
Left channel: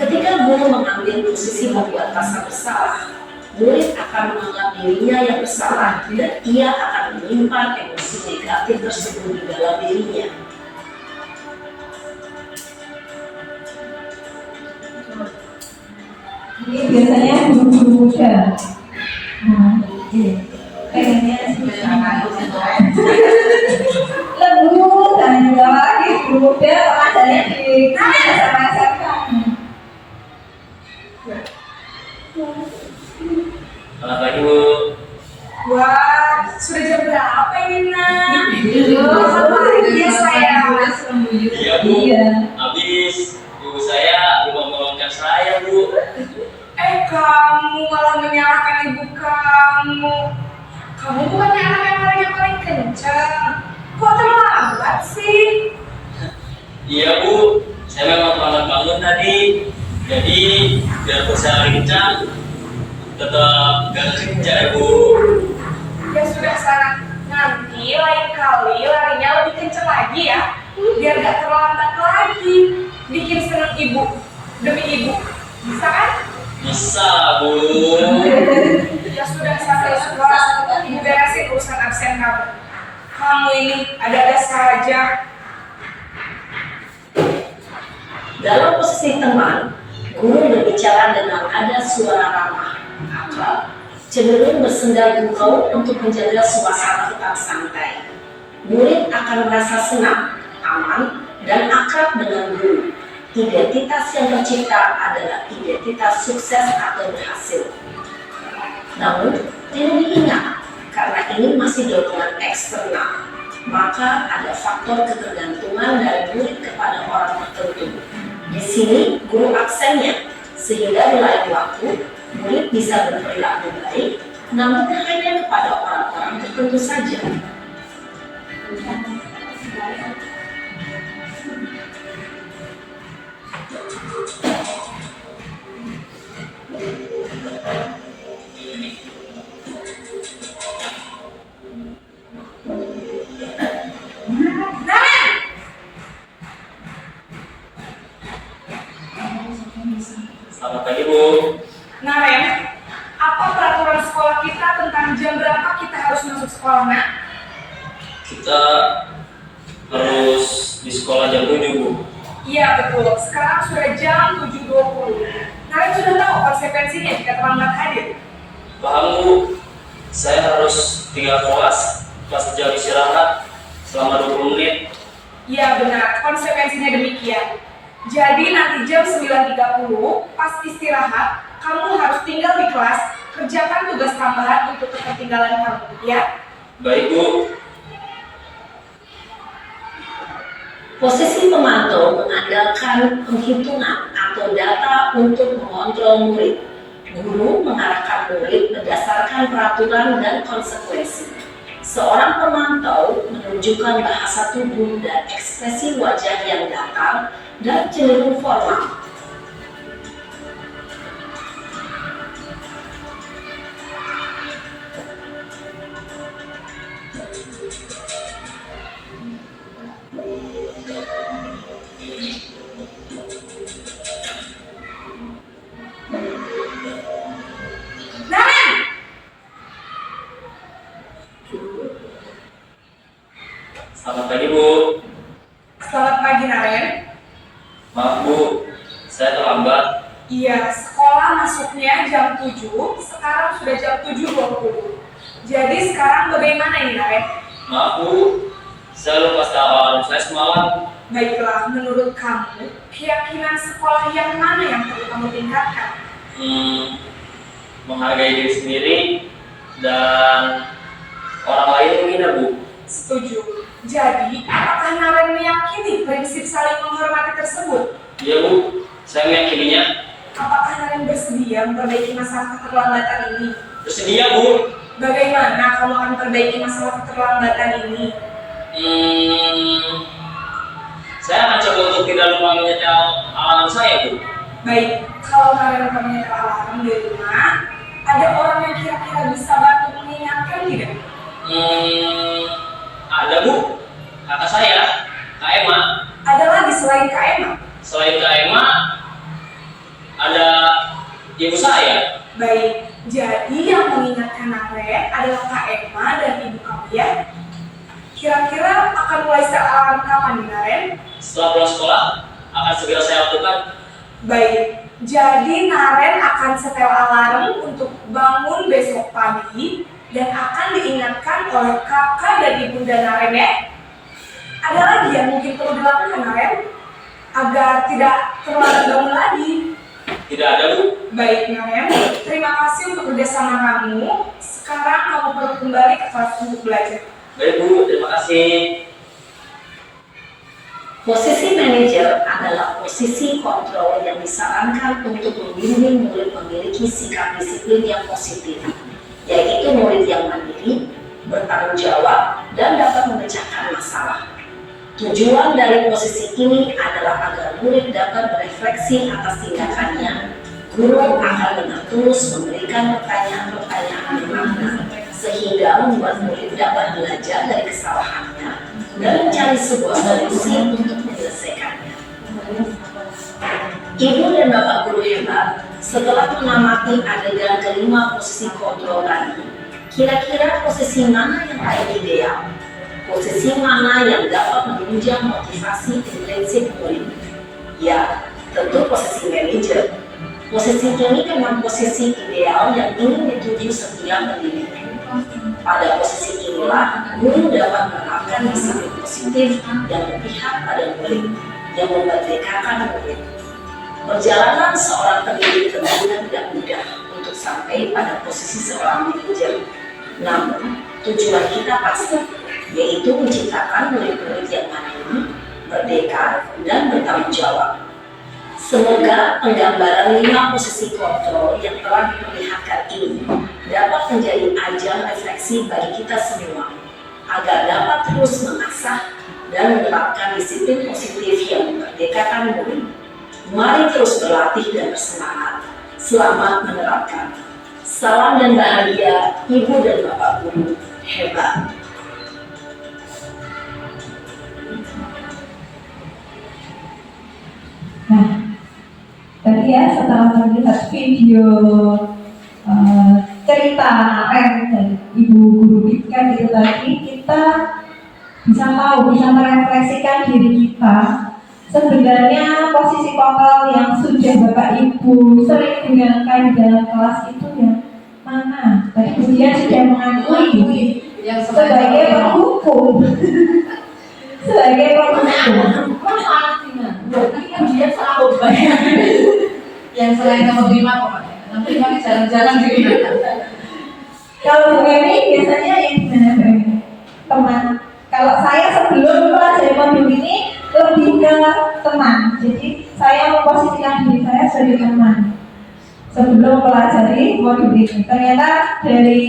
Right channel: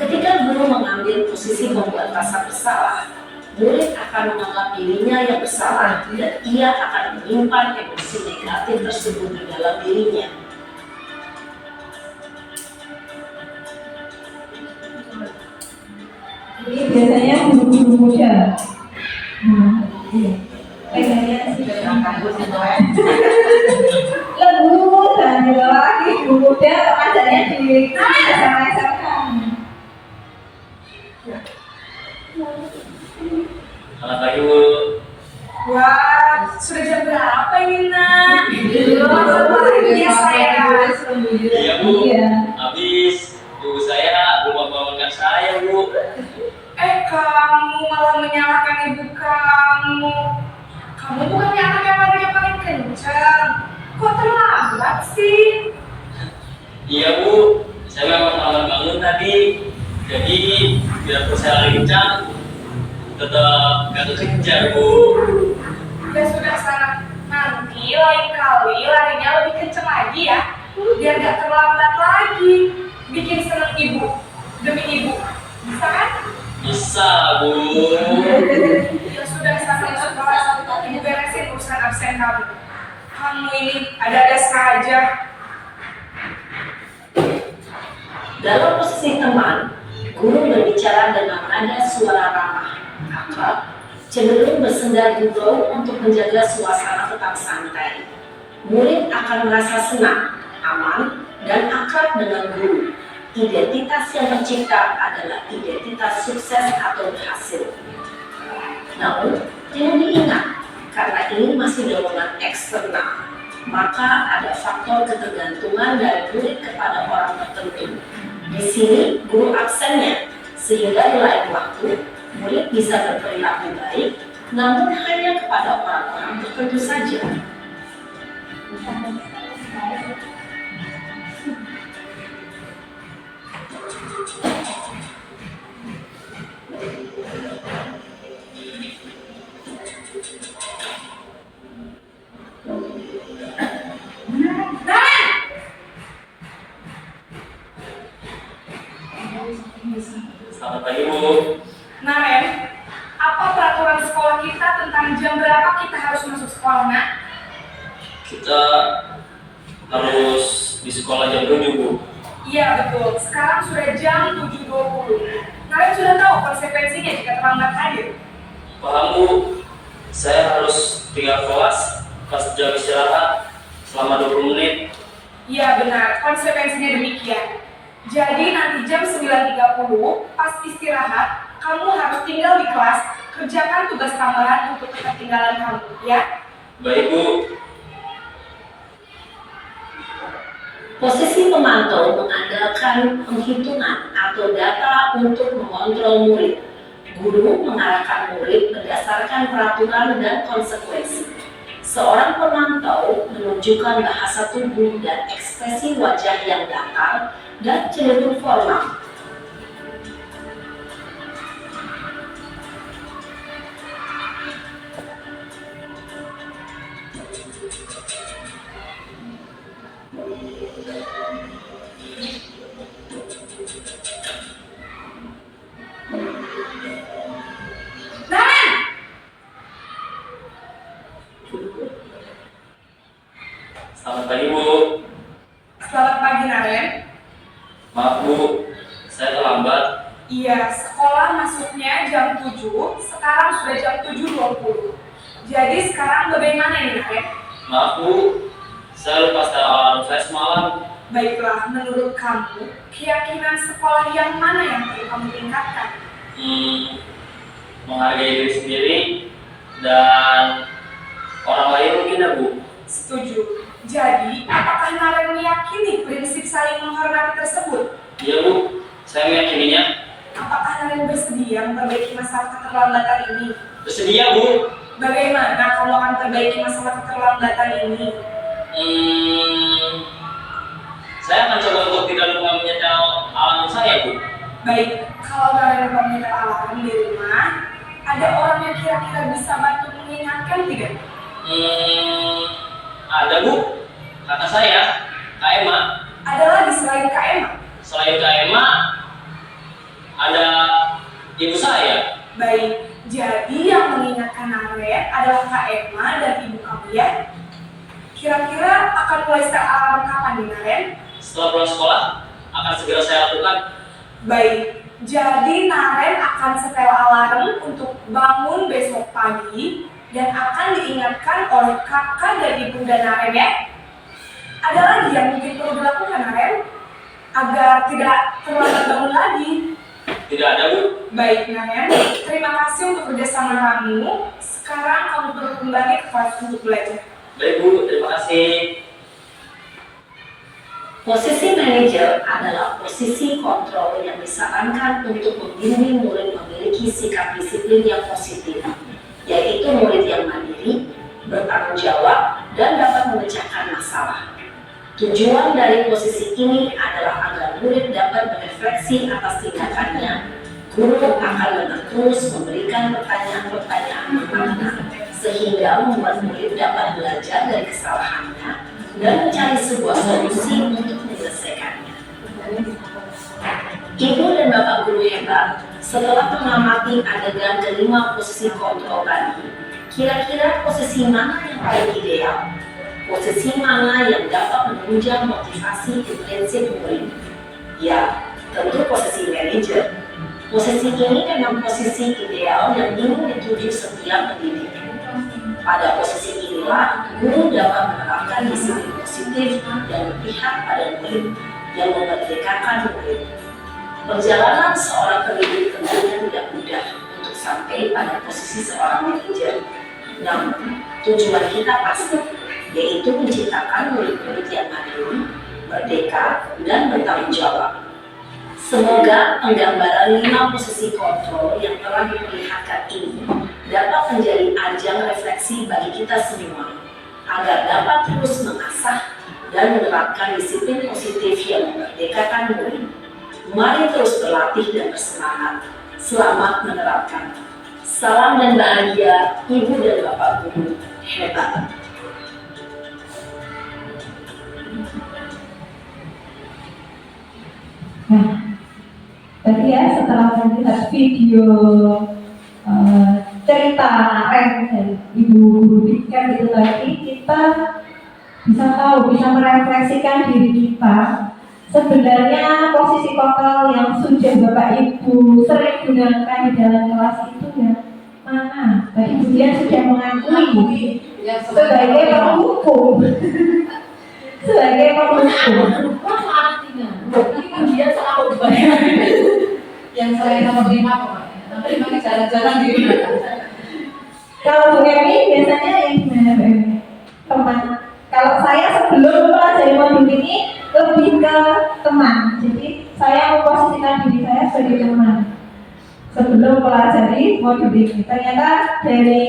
Ketika guru mengambil posisi membuat rasa bersalah, murid akan menganggap dirinya yang bersalah dan ia akan menyimpan emosi negatif tersebut di dalam dirinya. Ini biasanya guru-guru muda. Pengennya sih lembut dan juga lagi guru muda pengajarnya di SMA SMK. Selamat pagi Bu. Wah, sudah jam berapa ini nak? Iya sayang. Iya Bu, Iya. habis ibu saya belum membangunkan saya Bu. Kamu malah menyalahkan ibu kamu. Kamu bukannya anak yang paling kencang. Kok terlambat sih? Iya Bu, saya memang terlambat bangun tadi. Jadi biar saya kencang, tetap gak kejar Bu. Ya sudah sana. Nanti lain kali larinya lebih kencang lagi ya. Biar gak terlambat lagi. Bikin seneng ibu. Demi ibu. Bisa kan? Bisa Bu. Ya sudah sampai sekolah. Ibu beresin urusan absen kamu. Kamu ini ada-ada saja. Dalam posisi teman, guru berbicara dengan nada suara ramah, akrab, cenderung bersenda gurau untuk menjaga suasana tetap santai. Murid akan merasa senang, aman, dan akrab dengan guru. Identitas yang tercipta adalah identitas sukses atau berhasil. Namun, perlu diingat, karena ini masih dorongan eksternal, maka ada faktor ketergantungan dari murid kepada orang tertentu. Di sini, guru absennya, sehingga di lain waktu, murid bisa berperilaku baik, namun hanya kepada orang-orang tertentu saja. Selamat pagi Bu. Nah Ren, apa peraturan sekolah kita tentang jam berapa kita harus masuk sekolah nak? Kita harus di sekolah jam 7 Bu. Iya betul, sekarang sudah jam 7.20. Kalian sudah tahu konsekuensinya jika terlambat hadir? Paham Bu, saya harus tinggal kelas pas jam istirahat selama 20 menit. Iya benar, konsekuensinya demikian. Jadi nanti jam 9.30 pas istirahat, kamu harus tinggal di kelas, kerjakan tugas tambahan untuk ketertinggalan kamu, ya? Baik Bu. Posisi pemantau mengandalkan penghitungan atau data untuk mengontrol murid. Guru mengarahkan murid berdasarkan peraturan dan konsekuensi. Seorang pemantau menunjukkan bahasa tubuh dan ekspresi wajah yang datar dan cenderung formal. Naren! Selamat pagi Bu. Selamat pagi Naren. Maaf Bu, saya terlambat. Iya, sekolah masuknya jam 7, sekarang sudah jam 7.20. Jadi sekarang bagaimana ini Naren? Maaf Bu, saya lupa setel alarm saya semalam. Baiklah, menurut kamu, keyakinan sekolah yang mana yang perlu kamu kamu tingkatkan? Menghargai diri sendiri dan orang lain mungkin ya Bu. Setuju. Jadi, apakah Naren meyakini prinsip saling menghormati tersebut? Iya Bu, saya meyakininya. Apakah Naren bersedia memperbaiki masalah keterlambatan ini? Bersedia Bu. Bagaimana kamu akan perbaiki masalah keterlambatan ini? Saya akan coba untuk tidak lupa menyetel alarm saya Bu. Baik, kalau Naren lupa menyetel alarm di rumah, ada orang yang kira-kira bisa bantu mengingatkan tidak? Ada Bu, kakak saya, Kak Emma. Ada lagi selain Kak Emma? Selain Kak Emma, ada ibu saya. Baik, jadi yang mengingatkan Naren adalah Kak Emma dan ibu kamu ya? Kira-kira akan mulai setel alarm kapan nih Naren? Setelah pulang sekolah, akan segera saya lakukan. Baik, jadi Naren akan setel alarm untuk bangun besok pagi dan akan diingatkan oleh kakak dan ibunda Naren ya? Ada lagi yang mungkin perlu dilakukan Naren? Agar tidak terlambat bangun lagi. Tidak ada Bu. Baik Naren, terima kasih untuk kerjasama kamu. Sekarang kamu perlu kembali ke kelas untuk belajar. Baik Bu, terima kasih. Posisi manajer adalah posisi kontrol yang disarankan untuk membimbing murid memiliki sikap disiplin yang positif, yaitu murid yang mandiri, bertanggung jawab, dan dapat memecahkan masalah. Tujuan dari posisi ini adalah agar murid dapat berefleksi atas tindakannya. Guru akan terus memberikan pertanyaan-pertanyaan bermakna, sehingga membuat murid dapat belajar dari kesalahannya dan mencari sebuah solusi untuk menyelesaikannya. Ibu dan Bapak guru hebat, setelah mengamati adegan kelima posisi kontrol tadi, kira-kira posisi mana yang paling ideal? Posisi mana yang dapat menunjang motivasi intensif murid? Ya, tentu posisi manajer. Posisi ini memang posisi ideal yang ingin dituju setiap pendidik. Pada posisi inilah, guru dapat menerapkan disiplin positif dan berpihak pada murid yang memerdekakan murid. Perjalanan seorang pendidik tentunya tidak mudah untuk sampai pada posisi seorang manajer. Namun, tujuan kita pasti, yaitu menciptakan murid-murid yang mandiri, merdeka, dan bertanggung jawab. Semoga penggambaran 5 posisi kontrol yang telah diperlihatkan ini dapat menjadi ajang refleksi bagi kita semua, agar dapat terus mengasah dan menerapkan disiplin positif yang memerdekakan murid. Mari terus berlatih dan bersemangat. Selamat menerapkan. Salam dan bahagia, Ibu dan Bapak Guru hebat. Nah, tadi ya setelah melihat video cerita Naren dan Ibu Guru Bika itu tadi, kita bisa tahu, bisa merefleksikan diri kita. Sebenarnya posisi kontrol yang sudah Bapak Ibu sering gunakan di dalam kelas itu yang mana? Tadi Budian sudah mengakui yang sebagai penghukum. Sebagai penghukum. Tadi kan dia selalu banyak yang selain nomor 5 pokoknya. Nomor 5 ini jarang-jarang digunakan. Kalau Bu Emi biasanya yang gimana Bu Emi? Teman. Kalau saya sebelum mempelajari modul ini lebih ke teman. Jadi saya memposisikan diri saya sebagai teman sebelum mempelajari modul ini. Ternyata dari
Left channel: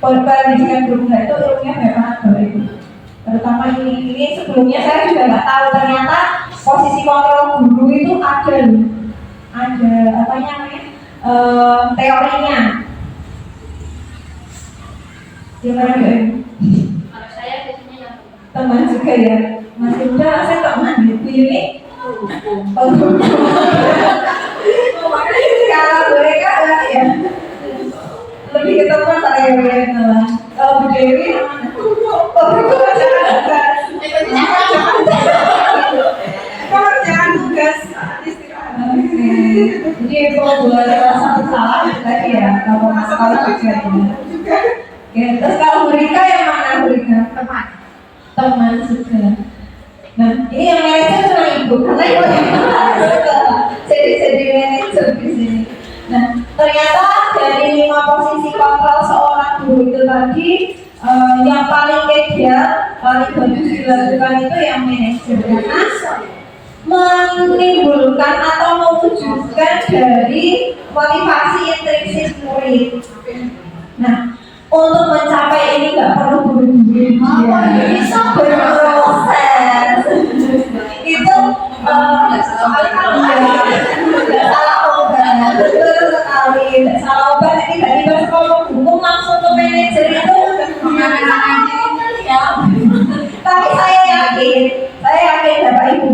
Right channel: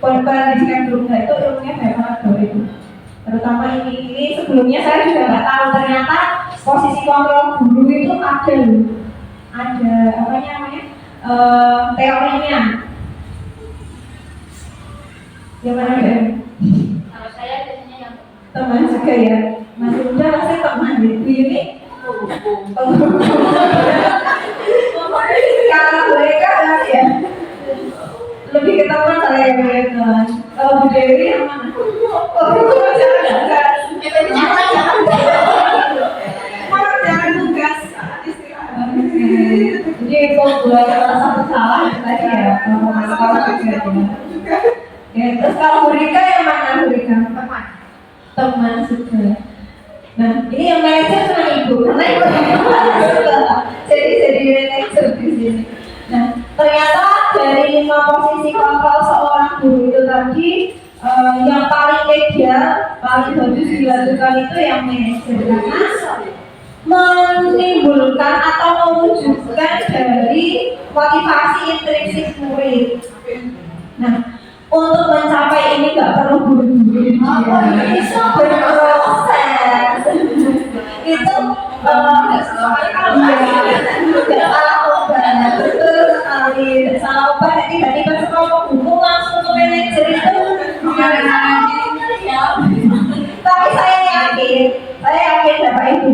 pendidikan guru itu ilmunya banyak banget Bapak Ibu. Terutama ini sebelumnya saya juga nggak tahu ternyata posisi kontrol guru itu ada loh. Ada apa namanya? Teorinya. Gimana Bu Emi? Kalau saya biasanya yang Teman juga ya. Masih muda masih teman di Bu Yuni. Kalau mereka ya lebih ke teman saya yang teman. Kalau Bu Dewi yang mana? Jangan tugas istirahat. Jadi populer satu salah tadi ya. Kalau tahu juga. Ya, terus kalau Bu Rika yang mana Bu Rika? Teman juga. Nah, ini yang manajer cuma Ibu, karena Ibu yang suka. Jadi jadi manajer di sini. Nah, ternyata dari 5 posisi kontrol seorang guru itu tadi, yang paling ideal, paling bagus dilakukan itu yang manajer, karena menimbulkan atau mewujudkan dari motivasi intrinsik murid. Nah, untuk mencapai ini nggak perlu buru-buru, bisa berproses. Itu nggak salah obat, betul sekali, nggak salah obat. Tiba-tiba sekolah buku langsung ke manajer itu, tapi saya yakin Bapak Ibu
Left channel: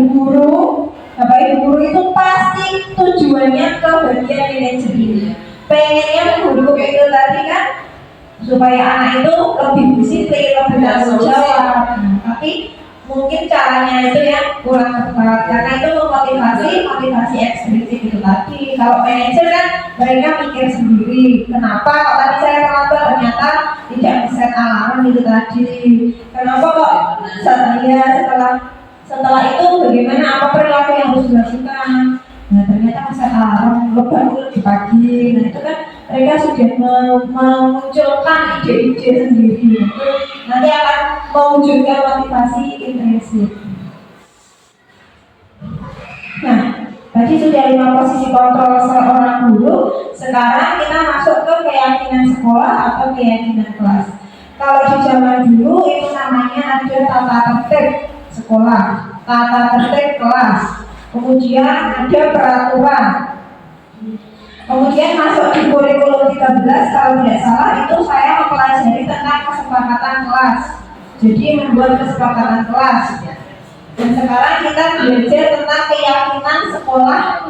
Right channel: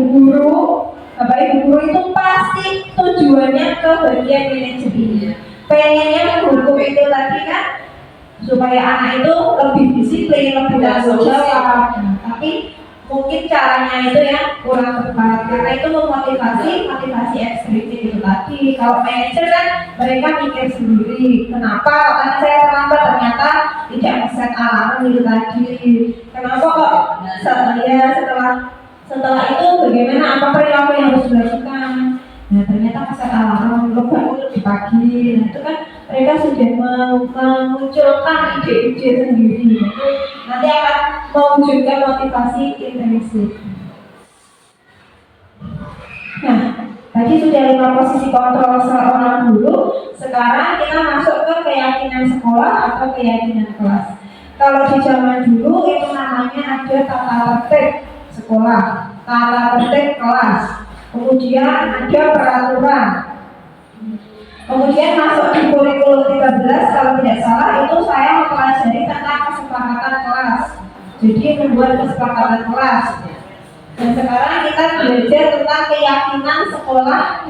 guru itu pasti tujuannya ke bagian manajer ini. Pengennya menghukum itu tadi kan supaya anak itu lebih disiplin, lebih tanggung jawab. Tapi mungkin caranya itu yang kurang tepat, karena itu motivasi ekstrinsik itu tadi. Kalau manajer kan mereka mikir sendiri, kenapa kok tadi saya terlambat, ternyata tidak set alarm itu tadi. Kenapa kok setelah itu bagaimana, apa perilaku yang harus dilakukan. Nah, ternyata set alarm bangun lebih pagi. Nah, itu kan mereka sudah memunculkan ide-ide sendiri. Itu nanti akan mewujudkan motivasi intrinsik. Nah, tadi sudah 5 posisi kontrol seorang guru. Sekarang kita masuk ke keyakinan sekolah atau keyakinan kelas. Kalau di zaman dulu itu namanya ada tata tertib sekolah, tata tertib kelas, kemudian ada peraturan. Kemudian masuk di kurikulum 13 kalau tidak salah itu saya mempelajari tentang kesepakatan kelas. Jadi membuat kesepakatan kelas. Dan sekarang kita belajar tentang keyakinan sekolah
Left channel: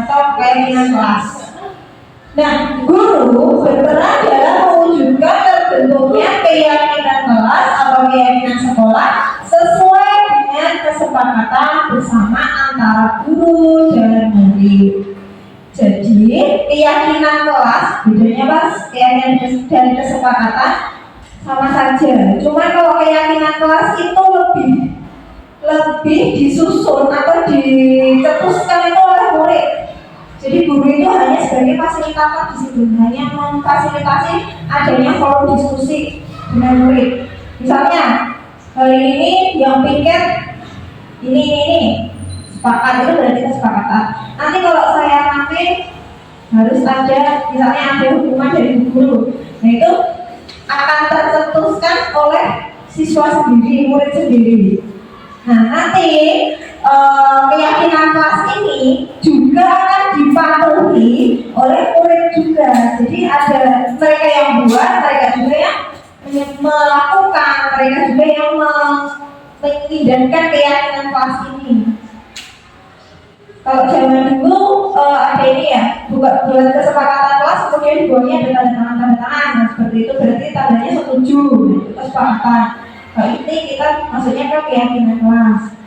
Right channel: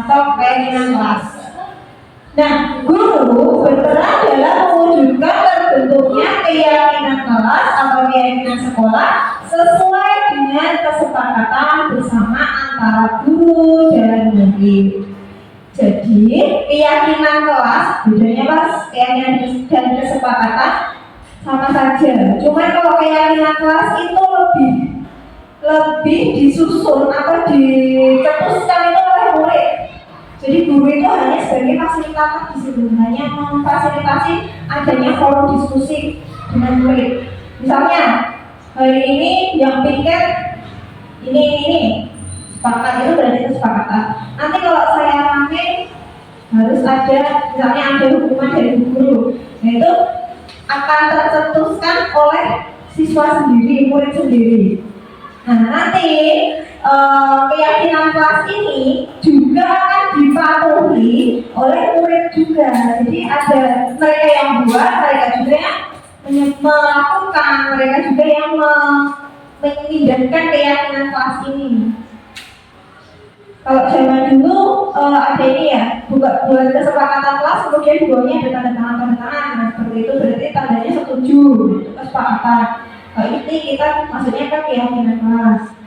atau keyakinan kelas. Nah, guru berperan dalam mewujudkan terbentuknya keyakinan kelas atau keyakinan sekolah sesuai dengan kesepakatan bersama antara guru dan murid. Jadi keyakinan kelas, bedanya pas keyakinan dan kesepakatan sama saja. Cuma kalau keyakinan kelas itu lebih disusun atau dicetuskan itu oleh murid. Jadi guru itu hanya sebagai fasilitator di situ, hanya memfasilitasi adanya forum diskusi dengan murid. Misalnya hari ini yang piket ini sepakat, itu berarti kesepakatan. Nanti kalau saya rame harus ada, misalnya ada hukuman dari guru. Nah itu akan tercetuskan oleh siswa sendiri, murid sendiri. Nah nanti keyakinan kelas ini juga akan dipatuhi oleh murid juga. Jadi ada mereka yang buat, mereka juga yang melakukan, mereka juga yang mengindahkan keyakinan kelas ini. Kalau zaman dulu ada ini ya, buat kesepakatan kelas, kemudian di bawahnya ada tanda tangan. Nah seperti itu berarti tandanya setuju, itu kesepakatan. Kalau ini kita maksudnya ke keyakinan kelas.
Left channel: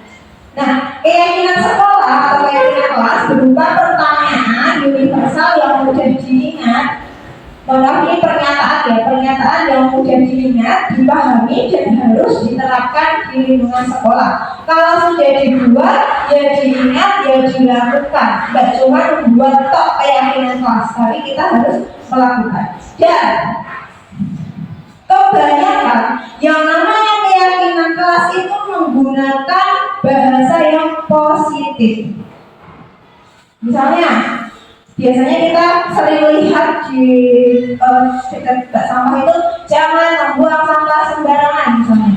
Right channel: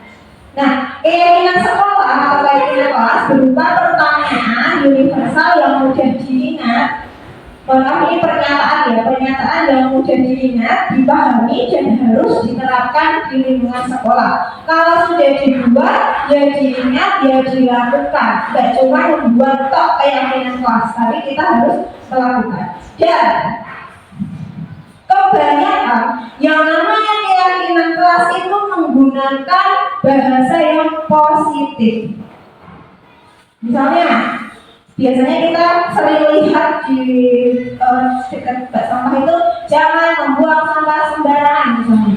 Nah, keyakinan sekolah atau keyakinan kelas berupa pertanyaan universal yang mudah diingat. Ini pernyataan yang mudah diingat, dipahami dan harus diterapkan di lingkungan sekolah. Kalau sudah dibuat, ya diingat, ya dilakukan. Tidak cuma membuat tok keyakinan kelas, tapi kita harus melakukan. Dan kebanyakan yang namanya keyakinan kelas itu menggunakan bahasa yang positif. Misalnya, biasanya kita sering lihat di dekat bak sampah itu jangan membuang sampah sembarangan misalnya.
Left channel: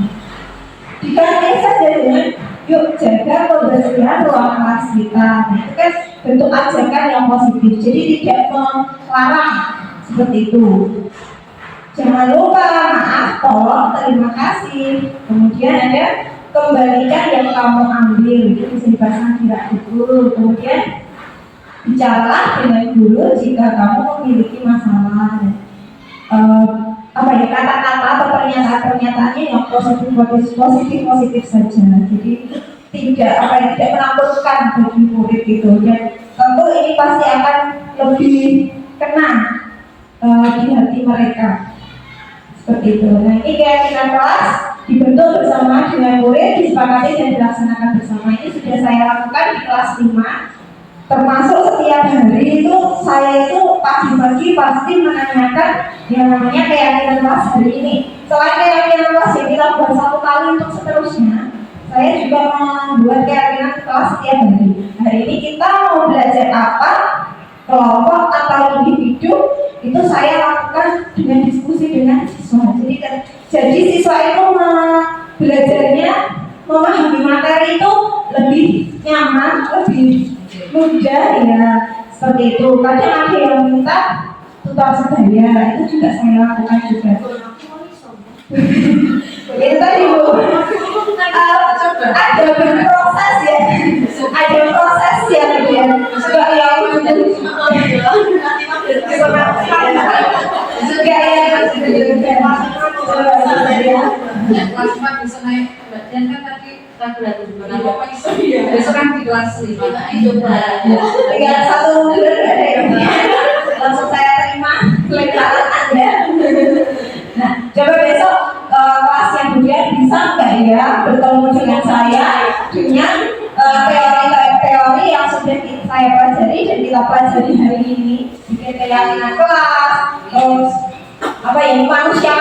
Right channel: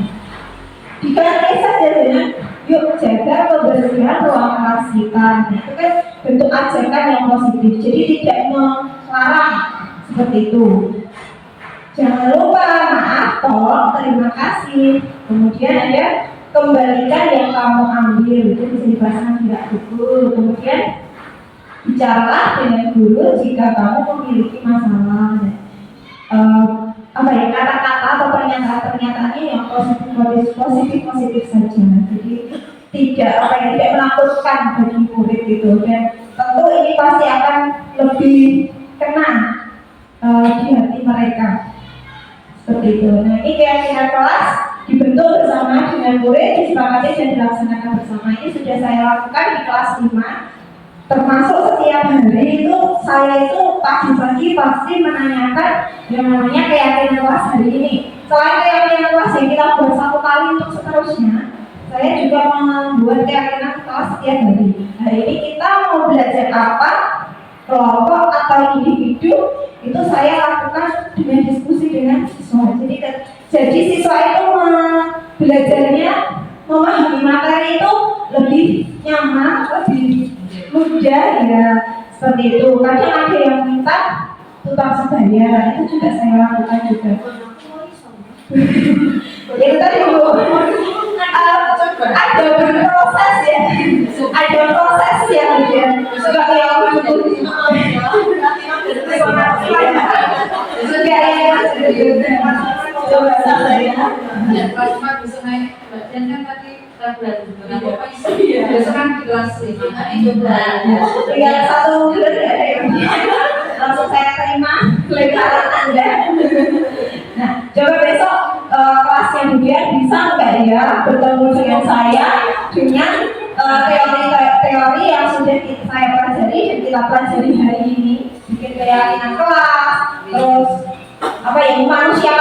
Diganti saja dengan yuk jaga kebersihan ruang kelas kita. Nah, itu kan bentuk ajakan yang positif. Jadi tidak melarang seperti itu. Jangan lupa maaf, tolong, terima kasih. Kemudian ada kembalikan yang kamu ambil. Itu bisa dipasang di rak buku. Kemudian bicaralah dengan guru jika kamu memiliki masalah. Kata-kata atau pernyataan-pernyataannya yang positif saja. Jadi tidak menakutkan bagi murid itu. Dan tentu ini pasti akan lebih kena di hati mereka. Seperti itu. Nah ini keyakinan kelas dibentuk bersama dengan murid, disepakati dan dilaksanakan bersama. Ini sudah saya lakukan di kelas 5. Termasuk setiap hari itu saya itu pagi-pagi pasti menanyakan yang namanya keyakinan kelas hari ini. Selain keyakinan kelas yang kita buat satu kali untuk seterusnya, saya juga membuat keyakinan kelas setiap hari. Hari ini kita mau belajar apa, kelompok atau individu, itu saya lakukan dengan diskusi dengan siswa. Jadi siswa itu belajarnya memahami materi itu lebih nyaman, lebih mudah ya, seperti itu. Kadang ada yang minta tutor sebaya, itu juga saya lakukan juga. Itu tadi Bu, ada berproses ya, ada proses ya Bu ya. Juga yang kelas 4 bisa naik bagian kan tadi ragu-ragu gimana apa isi besok kan di kelas 5 tinggal 1 bulan ada ya, langsung saya terima lebaran Anda. Nah, coba besok kelas yang kemudian bisa nggak ya bertemu dengan saya dengan teori-teori yang sudah saya pelajari dan kita pelajari hari ini, bikin keyakinan kelas, terus apa ya, manusia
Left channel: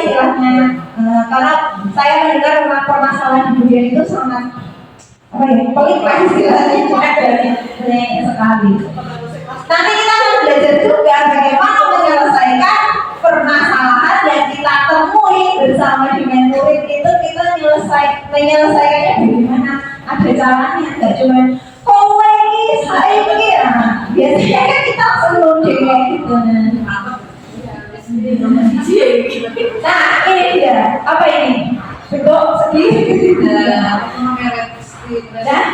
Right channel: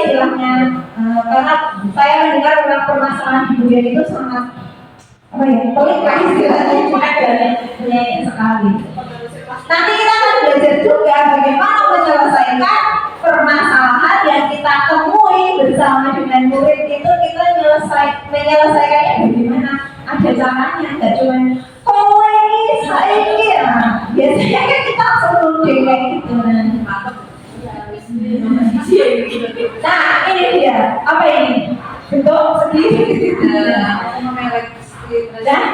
istilahnya. Karena saya mendengar permasalahan di dunia itu sangat apa ya, pelik lah istilahnya, banyak sekali. Nanti kita akan belajar juga bagaimana menyelesaikan permasalahan yang kita temui bersama dengan murid itu, kita menyelesaikannya bagaimana, ada caranya, nggak cuma kowe ini saya kira. Biasanya kan kita langsung nuding kayak gitu. Nah ini dia, apa ini? Bentuk segi. Nah,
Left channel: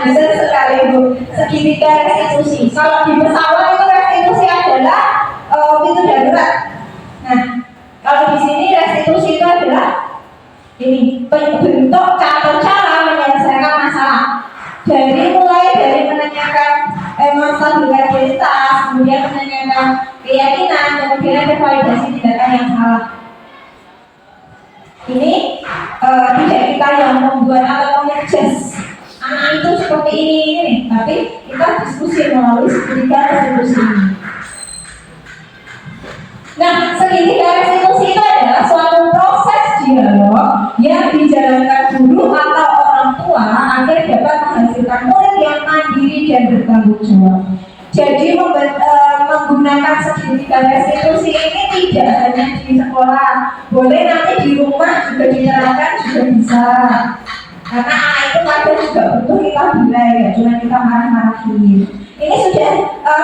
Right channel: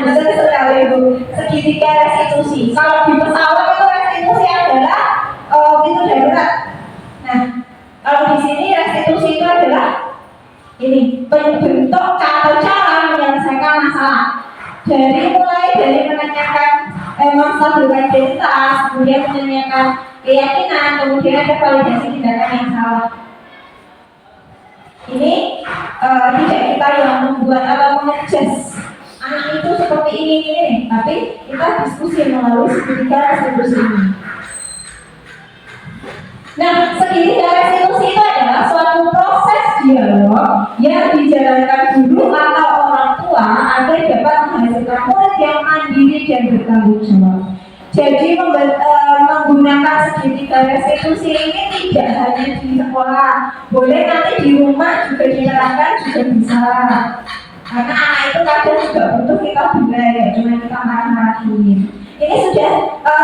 benar sekali Bu. Segitiga restitusi. Kalau di pesawat itu restitusi adalah pintu darurat. Nah, kalau di sini restitusi itu adalah ini bentuk atau cara menyelesaikan masalah. Mulai dari menanyakan menstabilkan identitas, kemudian menanyakan keyakinan, kemudian ada validasi tindakan yang salah. Ini tidak kita yang membuat atau mengadjust anak itu seperti ini, tapi kita diskusi melalui segitiga restitusi ini. Nah, segitiga restitusi itu adalah suatu proses dialog yang dijalankan guru atau orang tua agar dapat menghasilkan murid yang mandiri dan bertanggung jawab. Jadi menggunakan segitiga restitusi ini tidak hanya di sekolah, boleh nanti di rumah juga diterapkan juga bisa. Karena anak itu kadang juga butuh kita bela ya, cuma kita marah-marahin. Ini sudah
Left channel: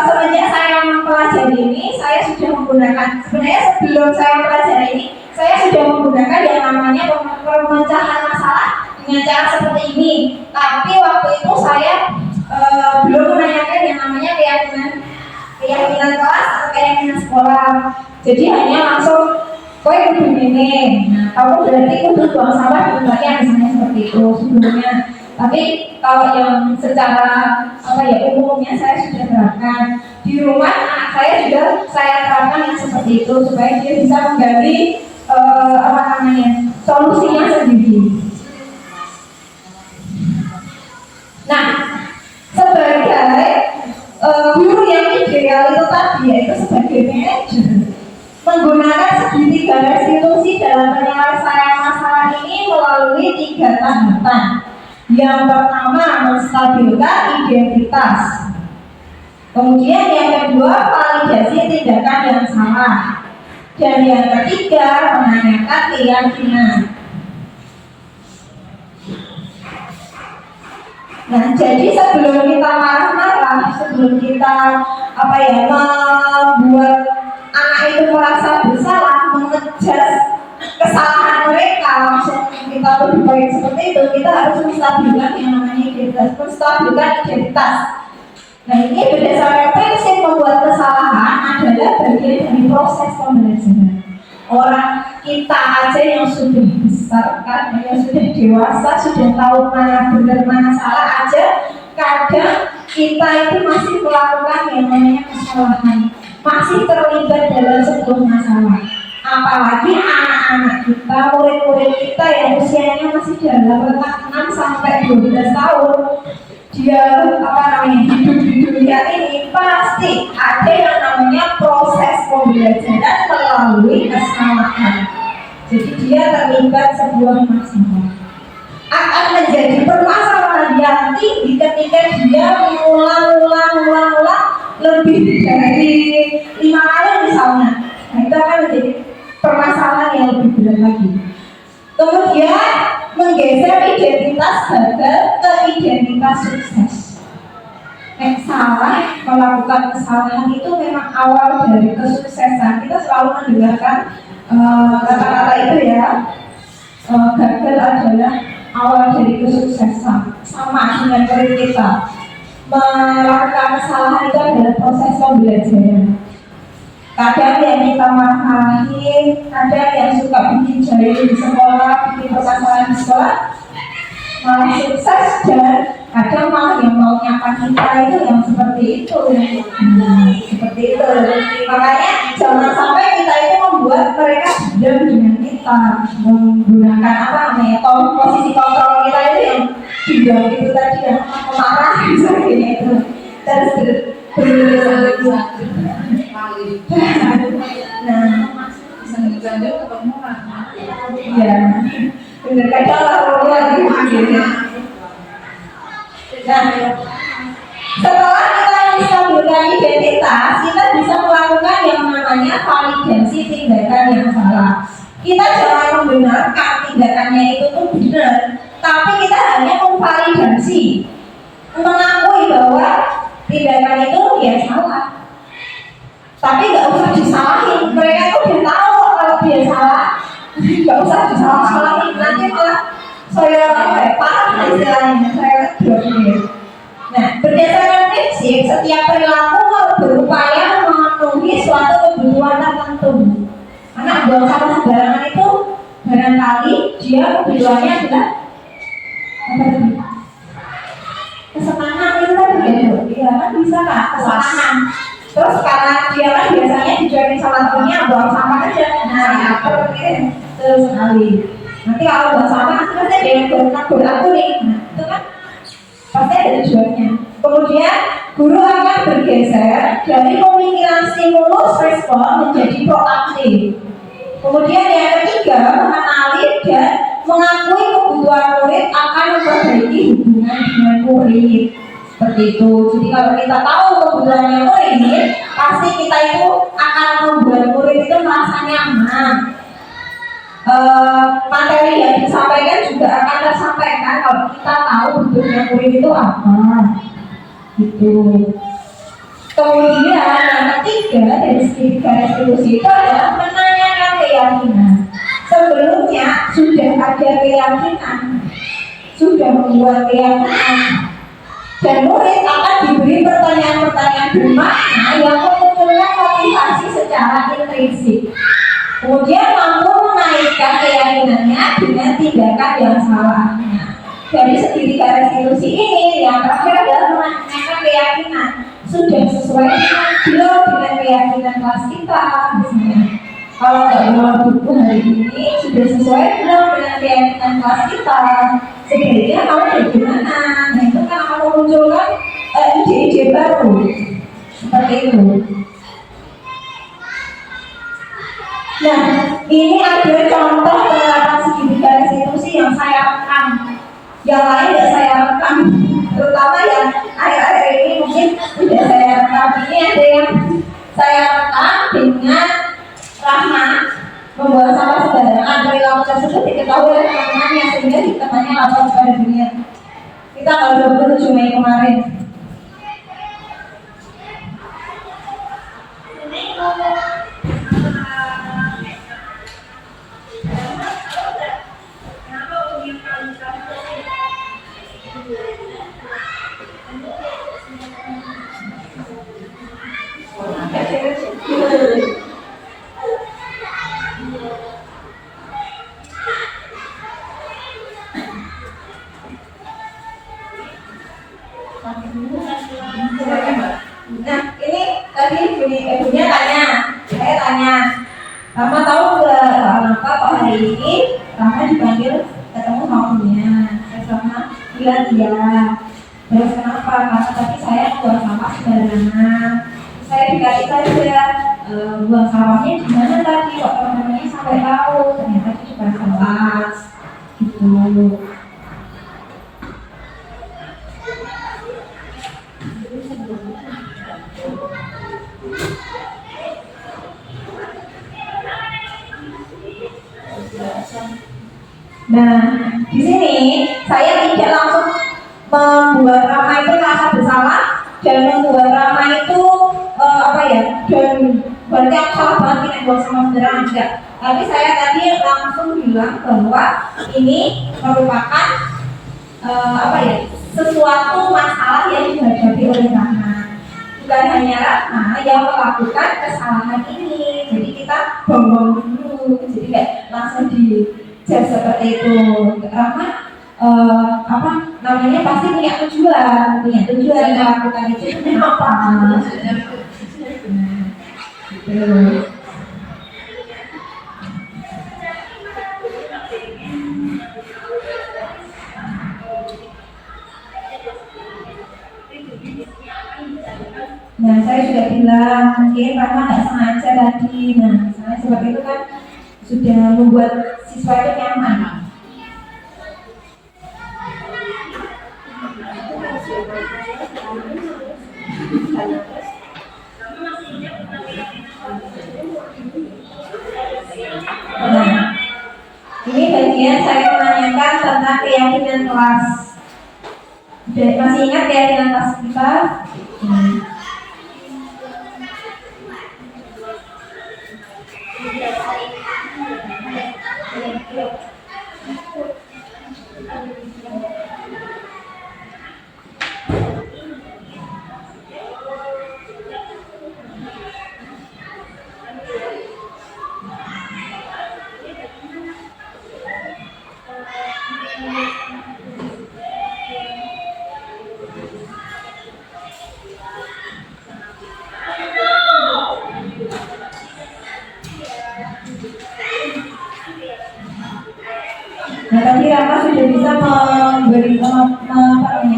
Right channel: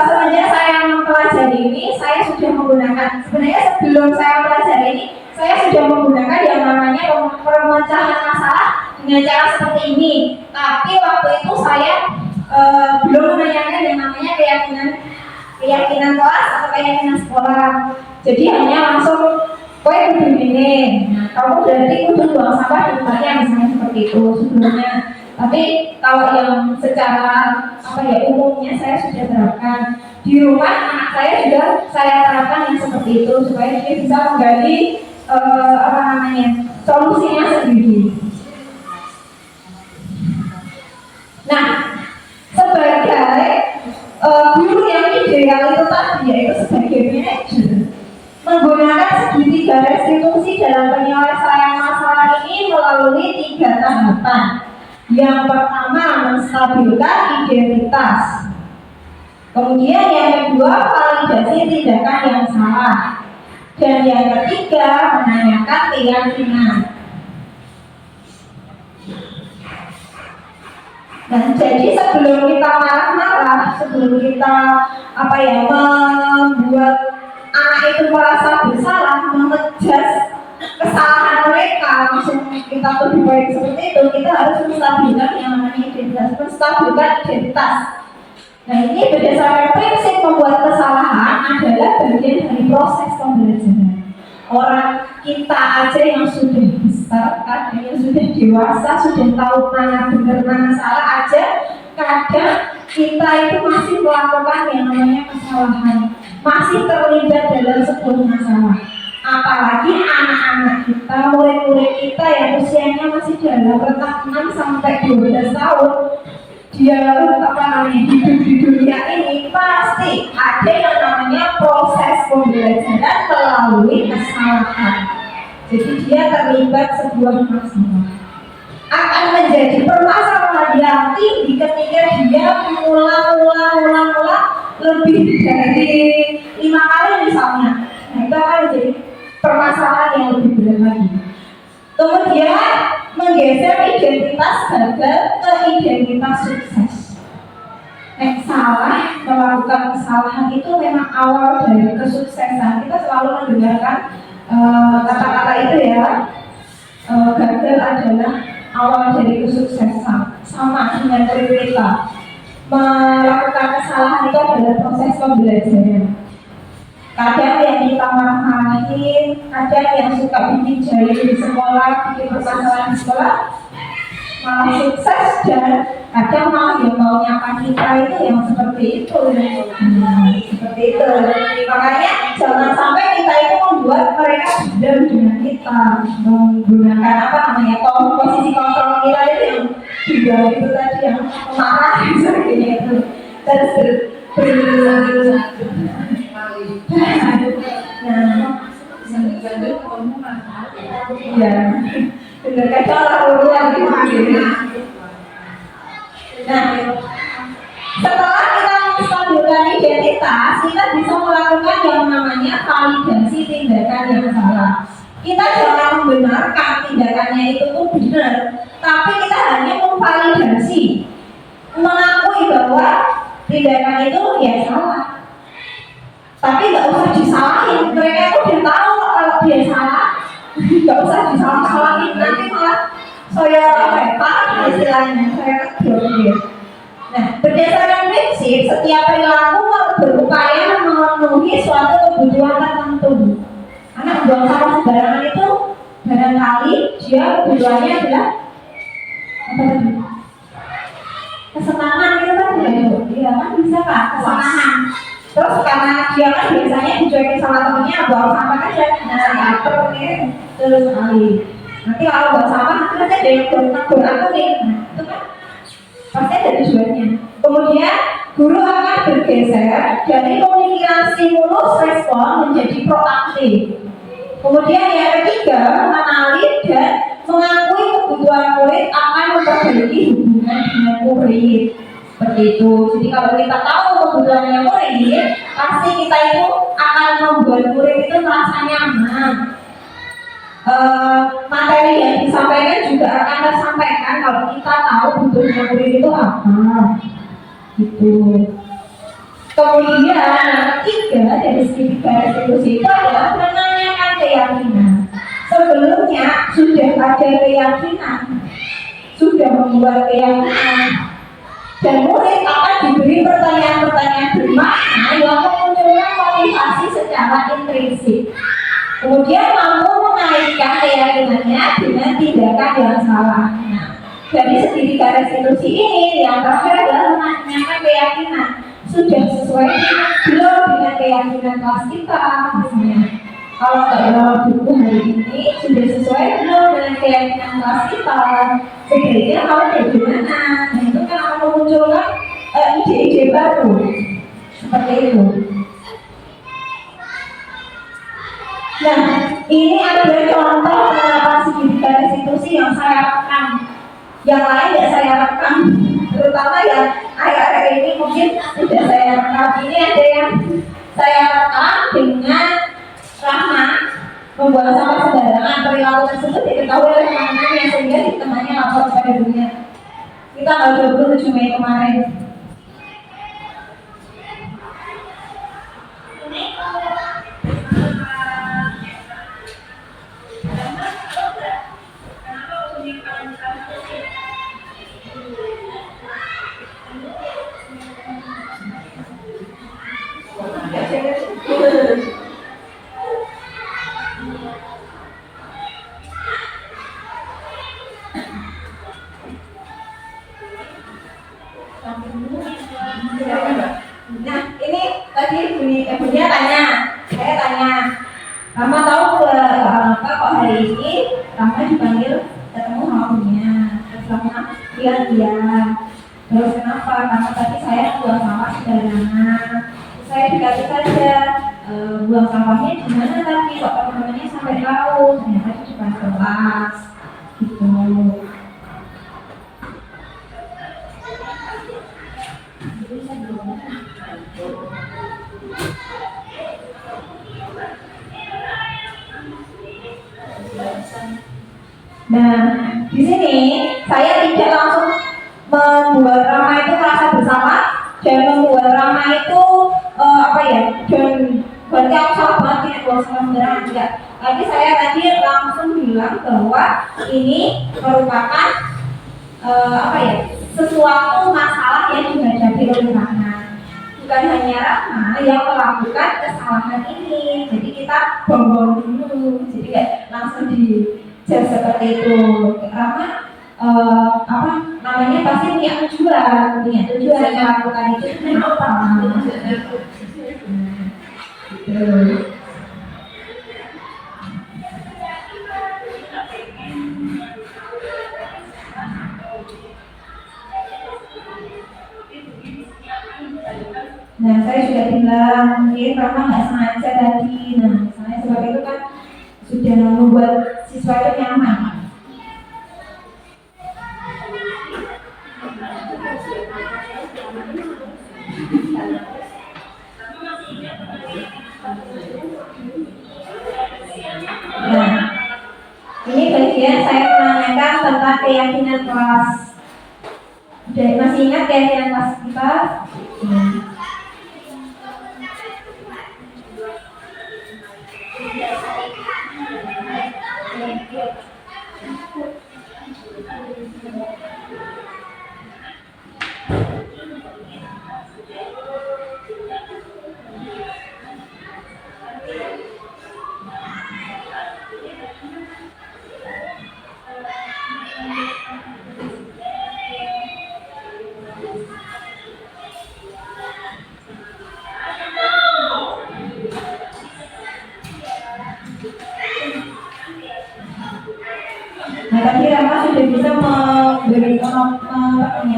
semenjak saya mempelajari ini, saya sudah menggunakan, sebenarnya sebelum saya mempelajari ini, saya sudah menggunakan yang namanya pemecahan masalah dengan cara seperti ini. Tapi waktu itu saya belum menanyakan yang namanya keyakinan kelas atau keyakinan sekolah. Jadi hanya langsung kowe kudu ngene. Nah, kamu berarti kudu buang sampah di tempatnya misalnya seperti itu sebelumnya. Tapi kalau yang secara apa ya umumnya saya sudah terapkan di rumah, anak saya juga saya terapkan yang seperti itu supaya dia bisa menggali solusinya sendiri. Nah, sebagai guru yang ideal itu tadi yaitu sebagai manajer, menggunakan segitiga restitusi dalam penyelesaian masalah ini melalui 3 tahapan. Yang pertama, menstabilkan identitas. Kemudian yang kedua, validasi tindakan yang salah. Dan yang ketiga, menanyakan keyakinan. Nah, jadi sebelum kita marah-marah, sebelum kita membuat anak itu merasa bersalah, mengejas kesalahan mereka, langsung kita lebih baik seperti itu, kita harus menstabilkan yang namanya identitas, menstabilkan identitas. Nah, ini berdasarkan prinsip membuat kesalahan adalah bagian dari proses pembelajaran. Orang kita aja yang sudah besar kan, yang sudah dewasa, sudah tahu mana benar mana salah aja, kadang kita itu masih melakukan yang namanya kesalahan, masih terlibat dalam sebuah masalah. Apalagi anak-anak kita, murid-murid kita yang usianya masih dalam rentang 6 sampai 12 tahun, dia hidup di dunia dunia ini pasti ada yang namanya proses pembelajaran melalui kesalahan. Jadi dia terlibat sebuah masalah. Akan menjadi permasalahan yang tinggi ketika dia mengulang lebih dari 5 kali misalnya. Nah, itu akan menjadi permasalahan yang lebih berat lagi. Kemudian menggeser identitas gagal ke identitas sukses. Salah melakukan kesalahan itu memang awal dari kesuksesan. Kita selalu mendengarkan kata-kata itu ya. Gagal adalah awal dari kesuksesan. Sama dengan murid kita, melakukan kesalahan itu adalah proses pembelajaran. Kadang yang kita marah-marahin, kadang yang suka bikin jahil di sekolah, bikin permasalahan di sekolah malah sukses, dan kadang malah yang mau nyapa kita itu yang seperti itu. Seperti itu. Makanya jangan sampai kita itu membuat mereka dendam dengan kita, menggunakan apa namanya posisi kontrol kita itu yang juga itu tadi yang marah sebagainya itu. Terus nah, Sandal ketemu iya, benar kadang luar gitu. Nah, setelah kita menstabilkan identitas, kita bisa melakukan yang namanya validasi tindakan yang salah. Kita jangan membenarkan tindakannya itu tuh benar, tapi kita hanya memvalidasi, mengakui bahwa tindakan itu ya salah. Tapi nggak usah disalahin, mereka tuh udah tahu kalau dia salah, nggak usah disalahin, nanti malah saya paham istilahnya, saya kedor dia. Nah, berdasarkan prinsip, setiap perilaku berupaya memenuhi suatu kebutuhan tertentu. Karena buang sampah sembarangan itu barangkali dia kebutuhannya adalah apa tadi? Kesenangan itu tadi ya, iya kan bisa kak, kesenangan. Terus karena dia kan biasanya dicuekin sama temennya, buang sampah aja. Nah, ya terus sekali. Nanti kalau buang sampah nanti pasti ada yang negur aku nih. Nah, itu kan pasti ada tujuannya. Kemudian guru akan bergeser dari pemikiran stimulus respon menjadi proaktif. Kemudian yang ketiga, mengenali dan mengakui kebutuhan murid akan memperbaiki hubungan dengan murid. Seperti itu. Jadi kalau kita tahu kebutuhannya murid, pasti kita itu akan membuat murid itu merasa nyaman. Materi yang disampaikan juga akan tersampaikan kalau kita tahu butuhnya murid itu apa. Gitu. Kemudian yang ketiga dari segi restitusi itu adalah menanyakan keyakinan. Sebelumnya sudah ada keyakinan, sudah membuat keyakinan. Dan murid akan diberi pertanyaan-pertanyaan bermakna yang memunculkan motivasi secara intrinsik. Kemudian mampu mengaitkan keyakinannya dengan tindakan yang salah. Nah, dari segi tiga restitusi ini, yang terakhir adalah menanyakan keyakinan. Sudah sesuai belum dengan keyakinan kelas kita, misalnya. Kalau nggak bawa buku hari ini, sudah sesuai belum dengan keyakinan kelas kita? Sebaiknya kalau bagaimana? Nah, itu kan akan memunculkan ide-ide baru seperti itu. Nah, ini ada contoh penerapan segitiga restitusi yang saya rekam. Yang lain tidak saya rekam, terutama yang akhir-akhir ini mungkin tidak saya rekam. Ini ada yang saya rekam dengan Rahma membuang sampah sembarangan. Perilaku tersebut diketahui oleh teman-temannya sehingga temannya lapor kepada dunia. Kita tanggal 27 Mei kemarin. Nah, ini tadi Bunya tanya, saya tanya, Rama tahu nggak apa kok hari ini Rama dipanggil ketemu sama Bunya? Terus Rama bilang iya. Terus kenapa? Karena tadi saya buang sampah sembarangan. cari saja buang sampahnya di mana tadi, kok teman-temannya sampai tahu ternyata di depan kelas gitu. Nah, di sini saya tidak langsung membuat ramah itu rasa bersalah dan membuat ramah itu dan berarti aku salah banget ini buang sama sembarangan, enggak. Tapi saya tadi langsung bilang bahwa ini merupakan sesuatu masalah yang dihadapi oleh Rahma. Bukan hanya Rahma yang melakukan kesalahan ini, jadi kita bong-bong dulu, jadi kayak langsung dijudge seperti itu. Rahma pasti punya tujuan melakukan itu apa? Gitu. Nah, saya sudah bilang mungkin Rahma nggak sengaja tadi. Nah, misalnya sebab itu kan sudah membuat siswa itu nyaman. Nah, ini bagian saya menanyakan tentang keyakinan kelas. Masih ingat keyakinan kelas kita? Nah, tadi Rahma sudah bisa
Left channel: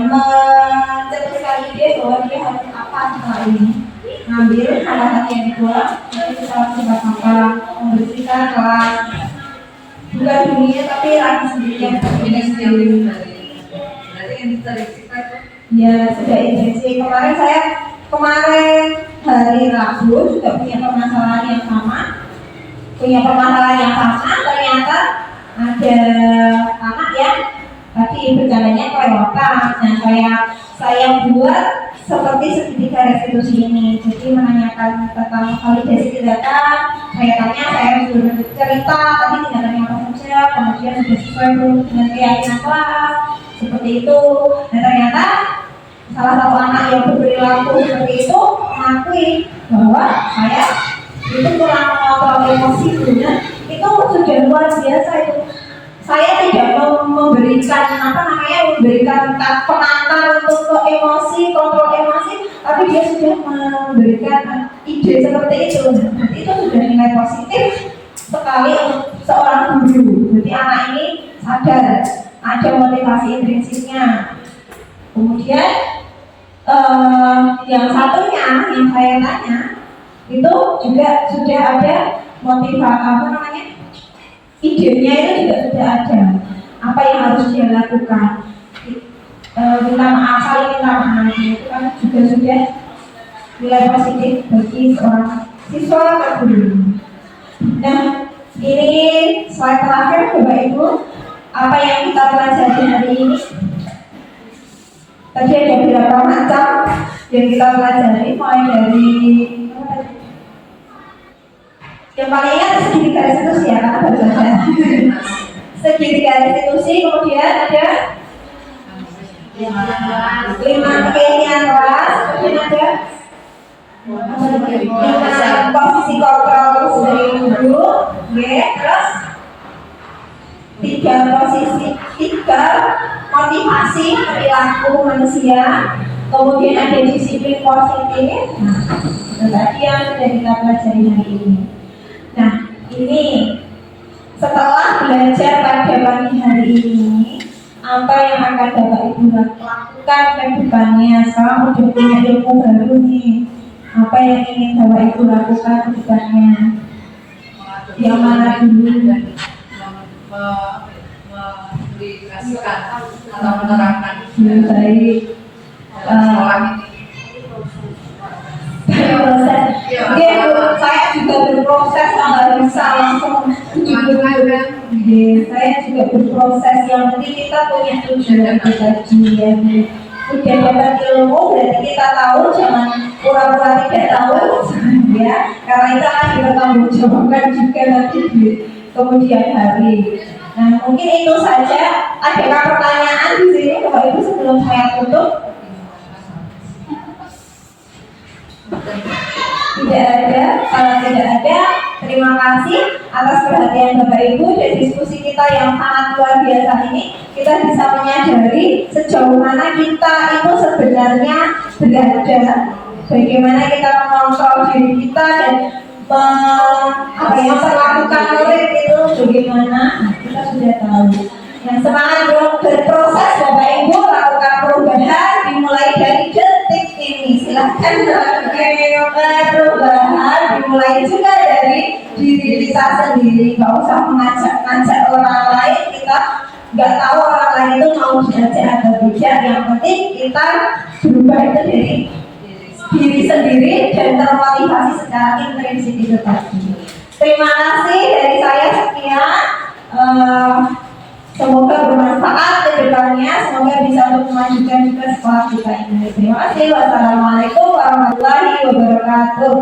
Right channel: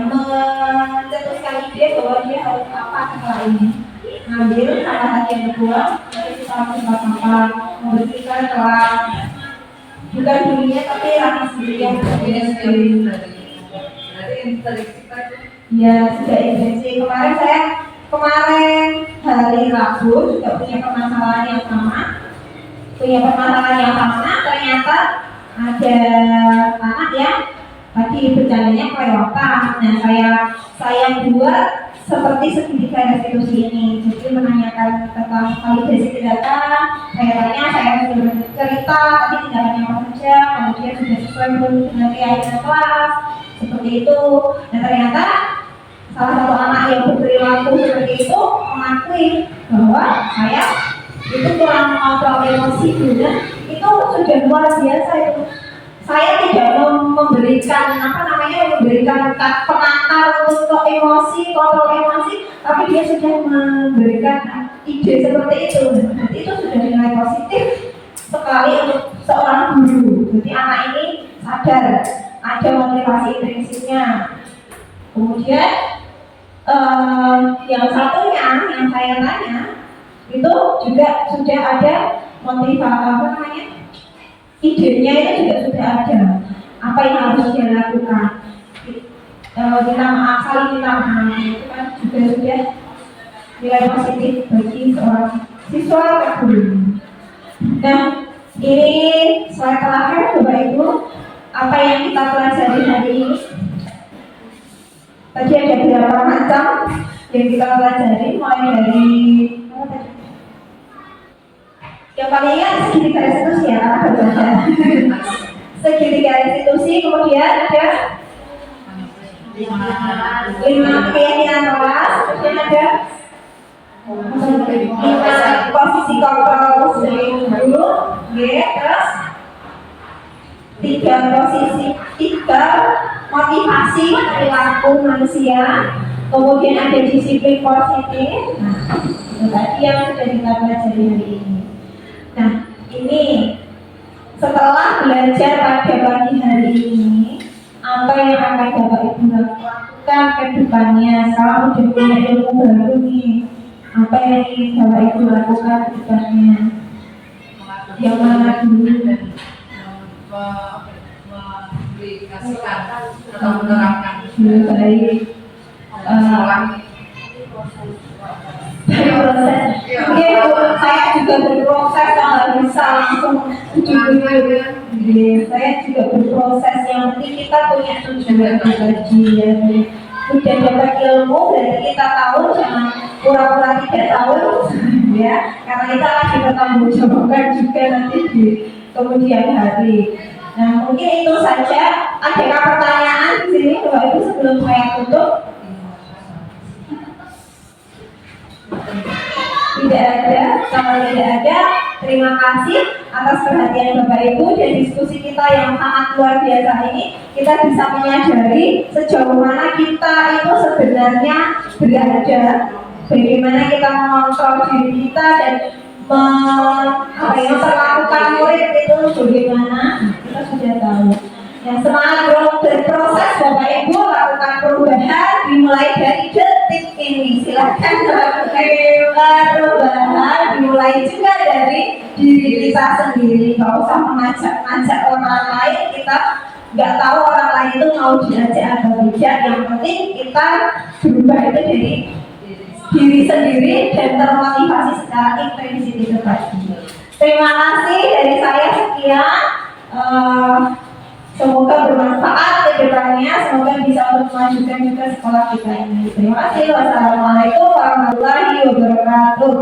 mencetuskan ide bahwa dia harus apa setelah ini. Ngambil sampah tadi yang dibuang, nanti kita langsung apa membersihkan kelas. Bukan dirinya tapi Rahma sendiri yang sendiri. Berarti interaksi kita tuh. Ya, sudah interaksi. Kemarin hari Rabu juga punya permasalahan yang sama. Ternyata ada anak yang tadi bercandanya kelewatan. Nah, saya buat seperti segitiga restitusi ini. Jadi menanyakan tentang validasi tindakan. Saya sudah cerita tadi tindakannya apa saja, kemudian sudah sesuai dengan keyakinan kelas seperti itu. Nah, ternyata salah satu anak yang berperilaku seperti itu mengakui bahwa saya itu kurang mengontrol emosi, dan itu sudah luar biasa itu. Saya tidak memberikan pengantar untuk emosi, kontrol emosi, tapi dia sudah memberikan ide seperti itu. Jadi itu sudah nilai positif sekali untuk seorang guru. Jadi anak ini sadar ada motivasi intrinsiknya. Kemudian yang satunya yang saya tanya itu juga sudah ada idenya itu juga sudah ada apa yang harus dia lakukan. Saling minta maaf itu kan juga sudah nilai positif bagi seorang siswa atau guru. Nah, ini slide terakhir Bapak Ibu, apa yang kita pelajari hari ini. Tadi ada beberapa macam yang kita pelajari, mulai dari yang paling ingat segitiga restitusi ya, karena baru saja segitiga restitusi, kemudian ada 5 keyakinan kelas, kemudian ada 5 posisi kontrol dari guru, terus 3 motivasi perilaku manusia, kemudian ada disiplin positif. Nah, itu tadi yang sudah kita pelajari hari ini. Nah, ini setelah belajar pada pagi hari ini, apa yang akan Bapak Ibu lakukan ke depannya? Sekarang udah punya ilmu baru nih. Apa yang ingin Bapak Ibu lakukan ke depannya? Yang mana dulu? Dan mengaplikasikan atau menerapkan Baik. sekolah ini. Proses. Oke, Bu, saya juga berproses, nggak bisa langsung ujung-ujung. Saya juga berproses. Yang penting kita punya tujuan tadi ya. Udah dapat ilmu, berarti kita tahu, jangan pura-pura tidak tahu, ya. Karena itu akan dipertanggungjawabkan juga nanti di kemudian hari. Nah, mungkin itu saja. Adakah pertanyaan di sini, Bapak Ibu, sebelum saya tutup? Tidak ada. Kalau tidak ada, terima kasih atas perhatian Bapak Ibu dan diskusi kita yang sangat luar biasa ini. Kita bisa menyadari sejauh mana kita itu sebenarnya berada, bagaimana kita mengontrol diri kita dan memperlakukan murid itu bagaimana, kita sudah tahu. Yang semangat berproses Bapak Ibu, lakukan perubahan dimulai dari detik ini. Silahkan melakukan perubahan dimulai juga dari diri kita sendiri. Gak usah mengajak orang lain. Kita nggak tahu orang lain itu mau diajak atau tidak. Yang penting kita berubah itu dari diri sendiri dan termotivasi secara intrinsik itu tadi. Terima kasih dari saya, sekian. Semoga bermanfaat ke depannya, semoga bisa untuk memajukan juga sekolah kita ini. Terima kasih. Wassalamualaikum warahmatullahi wabarakatuh.